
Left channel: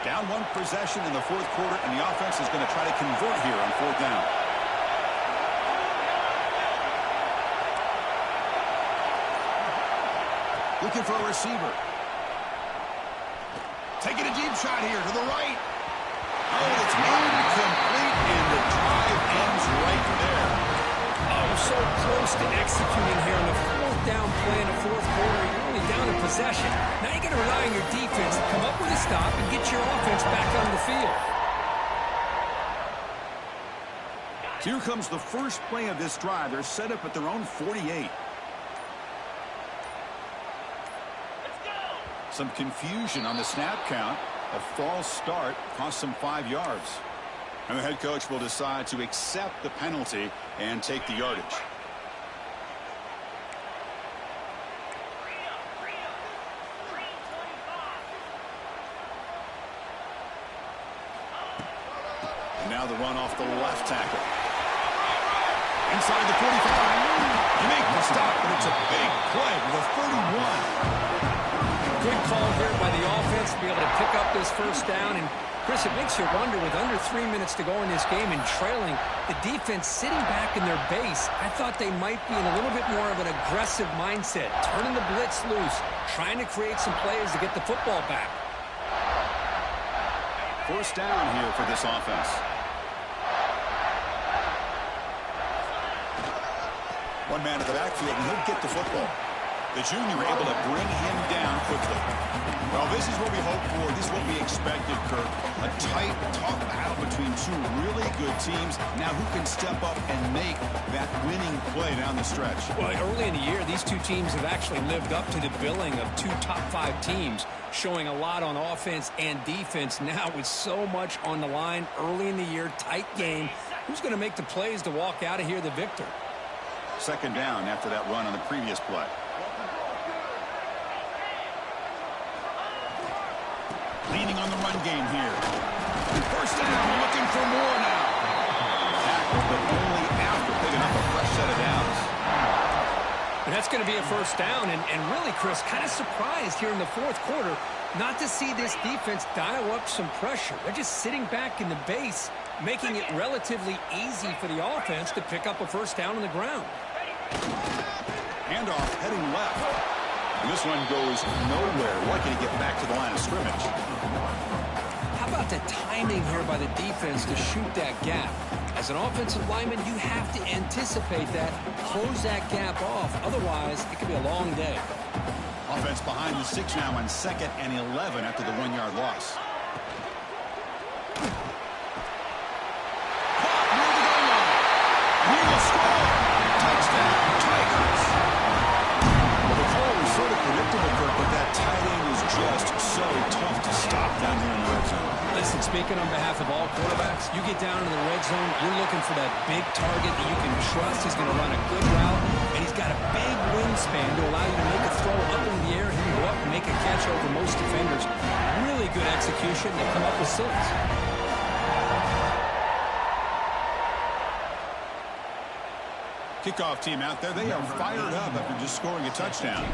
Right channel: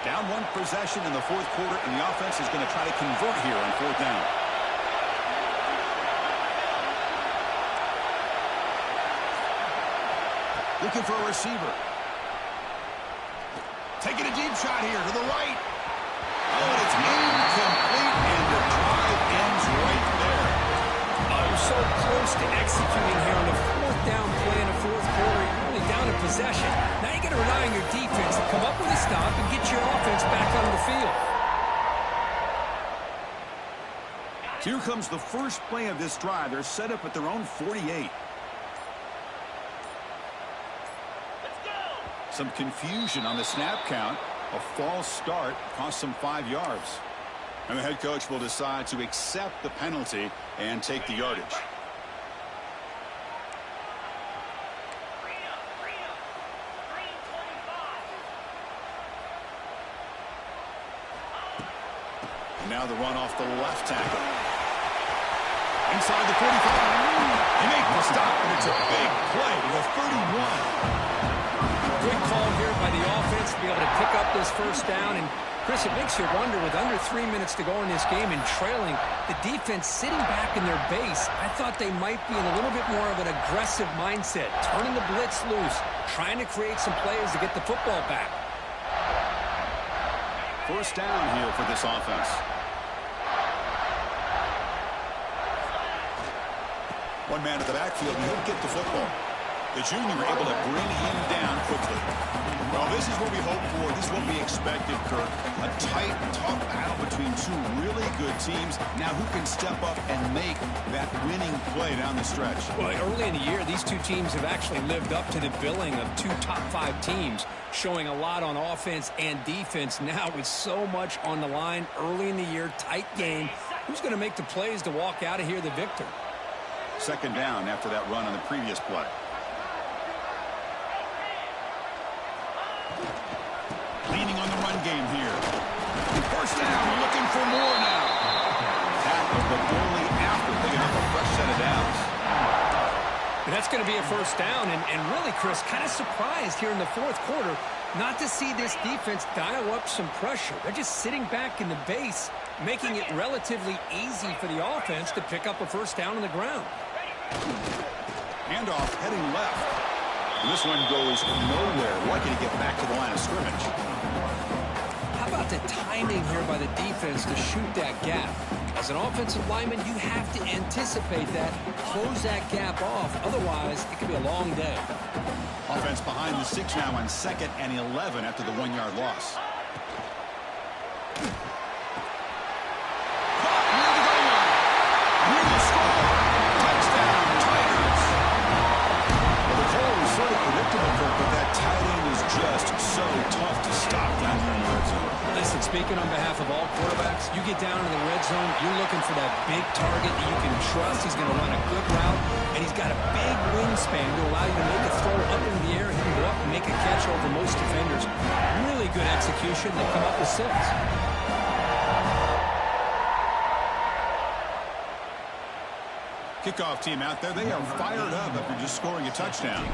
Down one possession in the fourth quarter, and the offense is going to try to convert here on fourth down. Looking for a receiver. Taking a deep shot here to the right. Oh, and it's incomplete, and the drive ends right there. Oh, so close to executing here on the fourth down play in the fourth quarter. You're only down a possession. Now you got to rely on your defense to come up with a stop and get your offense back on the field. Here comes the first play of this drive. They're set up at their own 48. Some confusion on the snap count. A false start cost them 5 yards. And the head coach will decide to accept the penalty and take the yardage. And now the run off the left tackle. Inside the 45. They make the stop, but it's a big play with a 31. Good call here by the offense to be able to pick up this first down. And, Chris, it makes you wonder, with under 3 minutes to go in this game and trailing, the defense sitting back in their base, I thought they might be in a little bit more of an aggressive mindset, turning the blitz loose, trying to create some plays to get the football back. First down here for this offense. One man in the backfield, and he'll get the football. The junior able to bring him down quickly. Well, this is what we hoped for. This is what we expected, Kirk. A tight, tough battle between two really good teams. Now who can step up and make that winning play down the stretch? Well, early in the year, these two teams have actually lived up to the billing of two top 5 teams, showing a lot on offense and defense. Now with so much on the line early in the year, tight game, who's going to make the plays to walk out of here the victor? Second down after that run on the previous play. Leaning on the run game here. First down, looking for more now. Tackled, but only after picking up a fresh set of downs. And that's going to be a first down. And really, Chris, kind of surprised here in the fourth quarter not to see this defense dial up some pressure. They're just sitting back in the base, making it relatively easy for the offense to pick up a first down on the ground. Handoff heading left. And this one goes nowhere. Lucky to get back to the line of scrimmage. How about the timing here by the defense to shoot that gap? As an offensive lineman, you have to anticipate that, close that gap off. Otherwise, it could be a long day. Offense behind the 6 now on 2nd and 11 after the 1-yard loss. Caught near the goal line. Here will score. Touchdown, Tigers. Well, the call was sort of predictable, Kirk, but that tight end is just so tough to stop down here in the red zone. Listen, speaking on behalf of all quarterbacks, you get down to the red zone, you're looking for that big target that you can trust. He's going to run a good route, and he's got a big wingspan to allow you to make a throw up in the air. He can go up and make a catch over most defenders. Really good execution. They come up with 6. Kickoff team out there. They are fired up after just scoring a touchdown.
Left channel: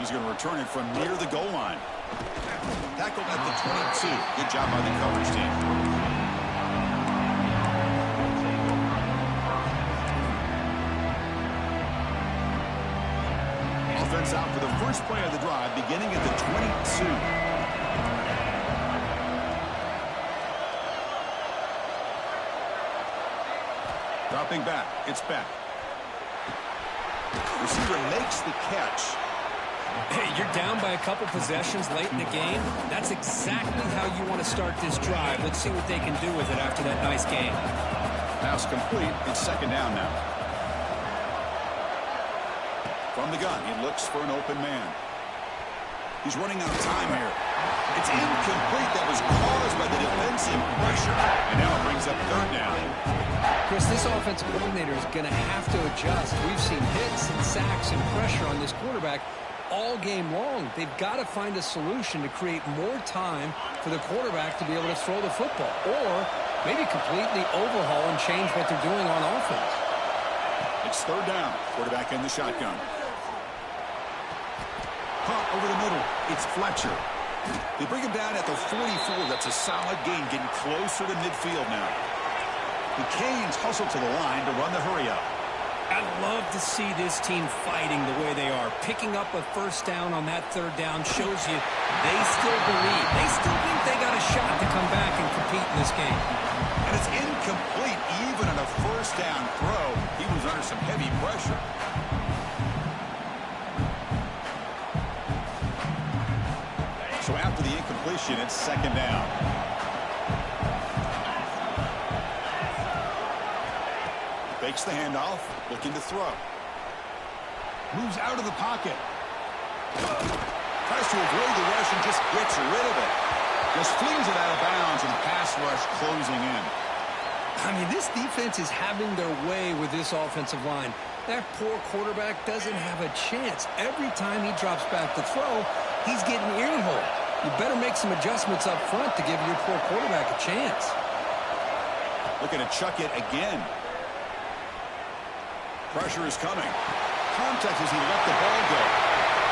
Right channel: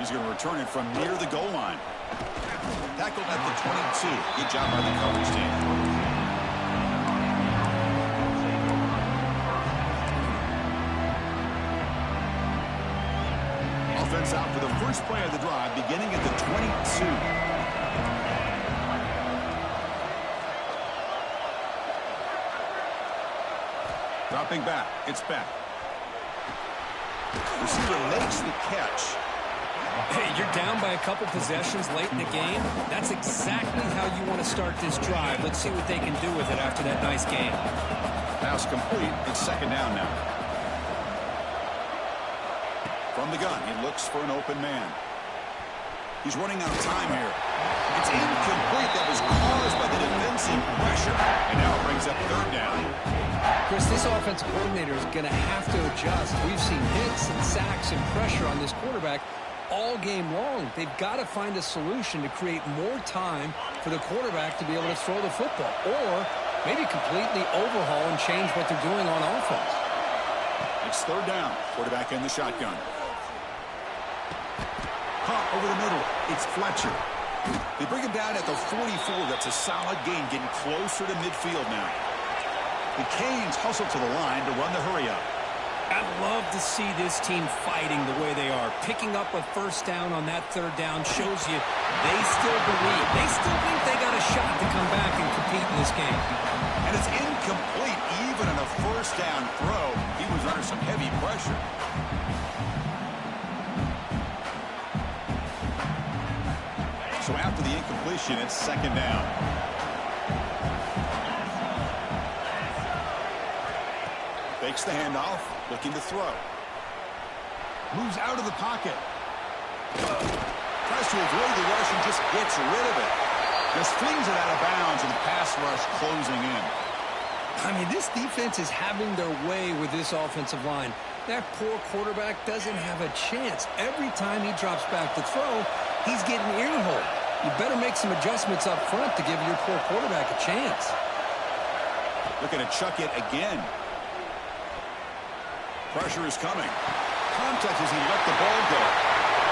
He's going to return it from near the goal line. Tackled at the 22. Good job by the coverage team. Offense out for the first play of the drive, beginning at the 22. Dropping back. It's back. Receiver makes the catch. Hey, you're down by a couple possessions late in the game. That's exactly how you want to start this drive. Let's see what they can do with it after that nice game. Pass complete. It's second down now. From the gun, he looks for an open man. He's running out of time here. It's incomplete. That was caused by the defensive pressure. And now it brings up third down. Chris, this offensive coordinator is going to have to adjust. We've seen hits and sacks and pressure on this quarterback all game long. They've got to find a solution to create more time for the quarterback to be able to throw the football, or maybe completely overhaul and change what they're doing on offense. It's third down. Quarterback in the shotgun. Caught over the middle. It's Fletcher. They bring him down at the 44. That's a solid gain, getting closer to midfield now. The Canes hustle to the line to run the hurry-up. I love to see this team fighting the way they are. Picking up a first down on that third down shows you they still believe. They still think they got a shot to come back and compete in this game. And it's incomplete even on a first down throw. He was under some heavy pressure. So after the incompletion, it's second down. Fakes the handoff, looking to throw. Moves out of the pocket. Tries to avoid the rush and just gets rid of it. Just flings it out of bounds and the pass rush closing in. I mean, this defense is having their way with this offensive line. That poor quarterback doesn't have a chance. Every time he drops back to throw, he's getting earholed. You better make some adjustments up front to give your poor quarterback a chance. Looking to chuck it again. Pressure is coming. Contact as he let the ball go.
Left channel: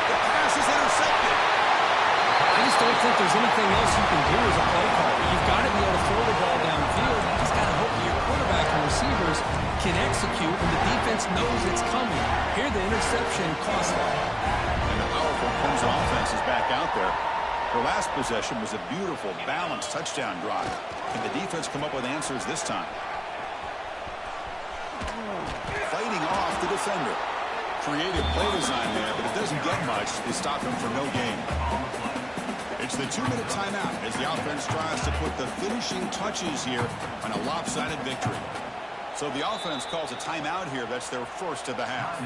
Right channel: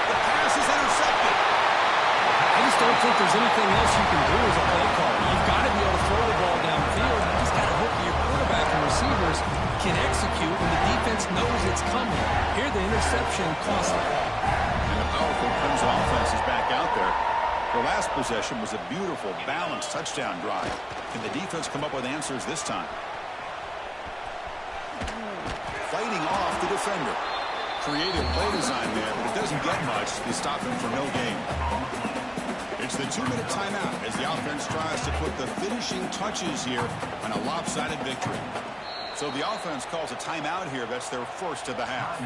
The pass is intercepted. I just don't think there's anything else you can do as a play caller. You've got to be able to throw the ball downfield. You just got to hope that your quarterback and receivers can execute when the defense knows it's coming. Here, the interception cost them. And the powerful Clemson offense is back out there. Their last possession was a beautiful, balanced touchdown drive. Can the defense come up with answers this time? Fighting off the defender. Creative play design there, but it doesn't get much. They stop him for no gain. It's the 2-minute timeout as the offense tries to put the finishing touches here on a lopsided victory. So the offense calls a timeout here. That's their first of the half.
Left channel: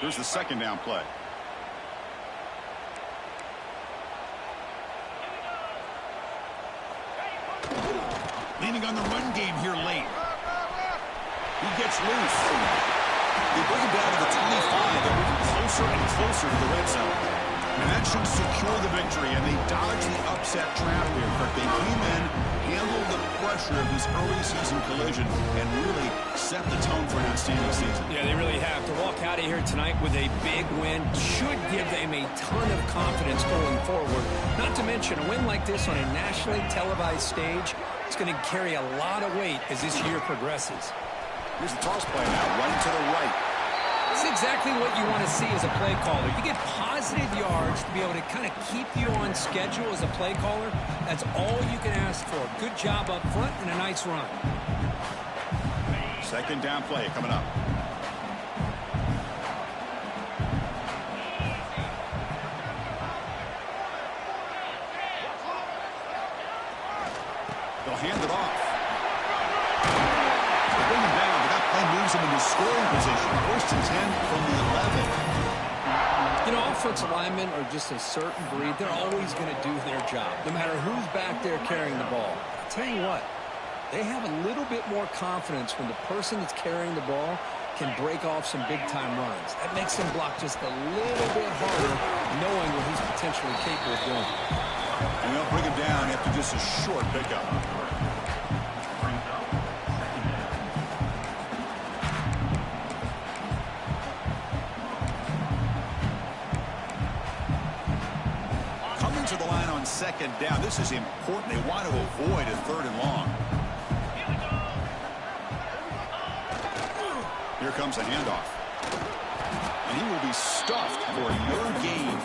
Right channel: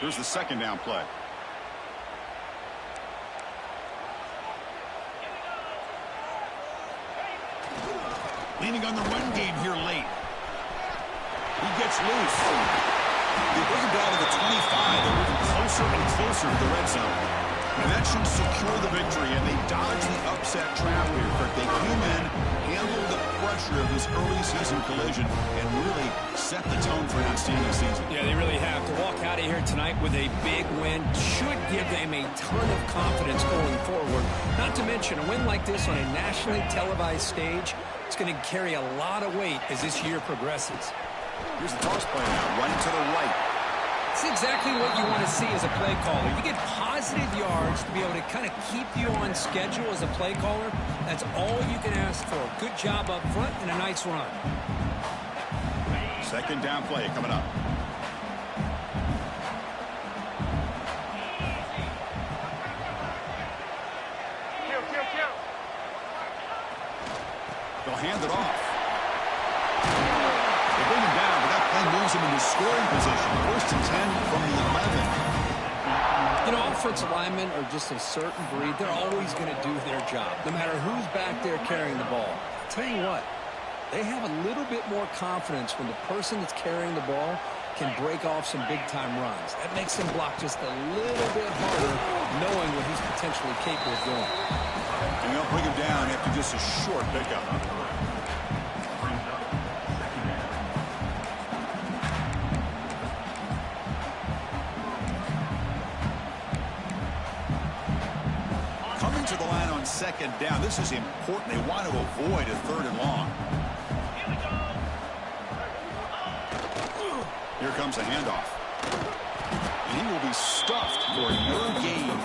Here's the second down play. Leaning on the run game here late. He gets loose. They bring him down to the 25. They're moving closer and closer to the red zone. And that should secure the victory, and they dodge the upset trap here. But they came in, handled the pressure of this early season collision, and really set the tone for an outstanding season. Yeah, they really have. To walk out of here tonight with a big win should give them a ton of confidence going forward. Not to mention, a win like this on a nationally televised stage, it's going to carry a lot of weight as this year progresses. Here's the toss play now, running to the right. It's exactly what you want to see as a play caller. You get positive yards to be able to kind of keep you on schedule as a play caller. That's all you can ask for. Good job up front and a nice run. Second down play coming up. They'll hand it off. They bring him down, but that play moves him into scoring position. First and 10 from the 11. You know, offensive linemen are just a certain breed. They're always going to do their job, no matter who's back there carrying the ball. I'll tell you what, they have a little bit more confidence when the person that's carrying the ball can break off some big-time runs. That makes him block just a little bit harder, knowing what he's potentially capable of doing. And they'll bring him down after just a short pickup. Coming to the line on second down. This is important. They want to avoid a 3rd and long. Here comes a handoff. And he will be stuffed for no gain.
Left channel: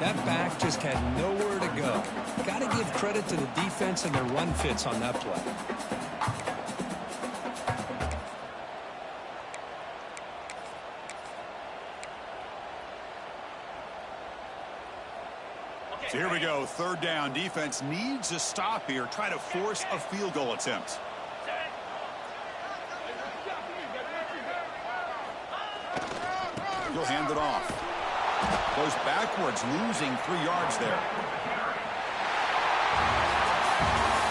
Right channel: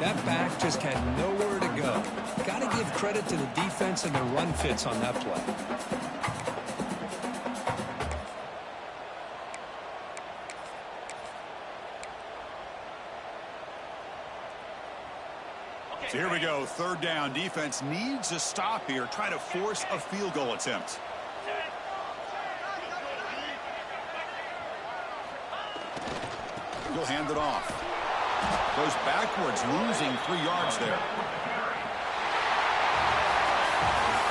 That back just had nowhere to go. Got to give credit to the defense and their run fits on that play. So here we go. 3rd down. Defense needs a stop here. Try to force a field goal attempt. He'll hand it off. Goes backwards, losing 3 yards there.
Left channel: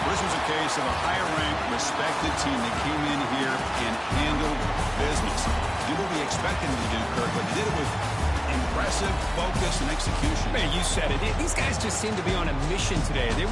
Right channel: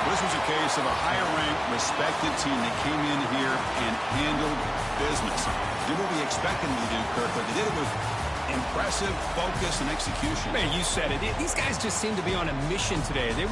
This was a case of a higher-ranked, respected team that came in here and handled business. Did what we expected them to do, Kirk, but they did it with impressive focus and execution. Man, you said it. These guys just seem to be on a mission today. They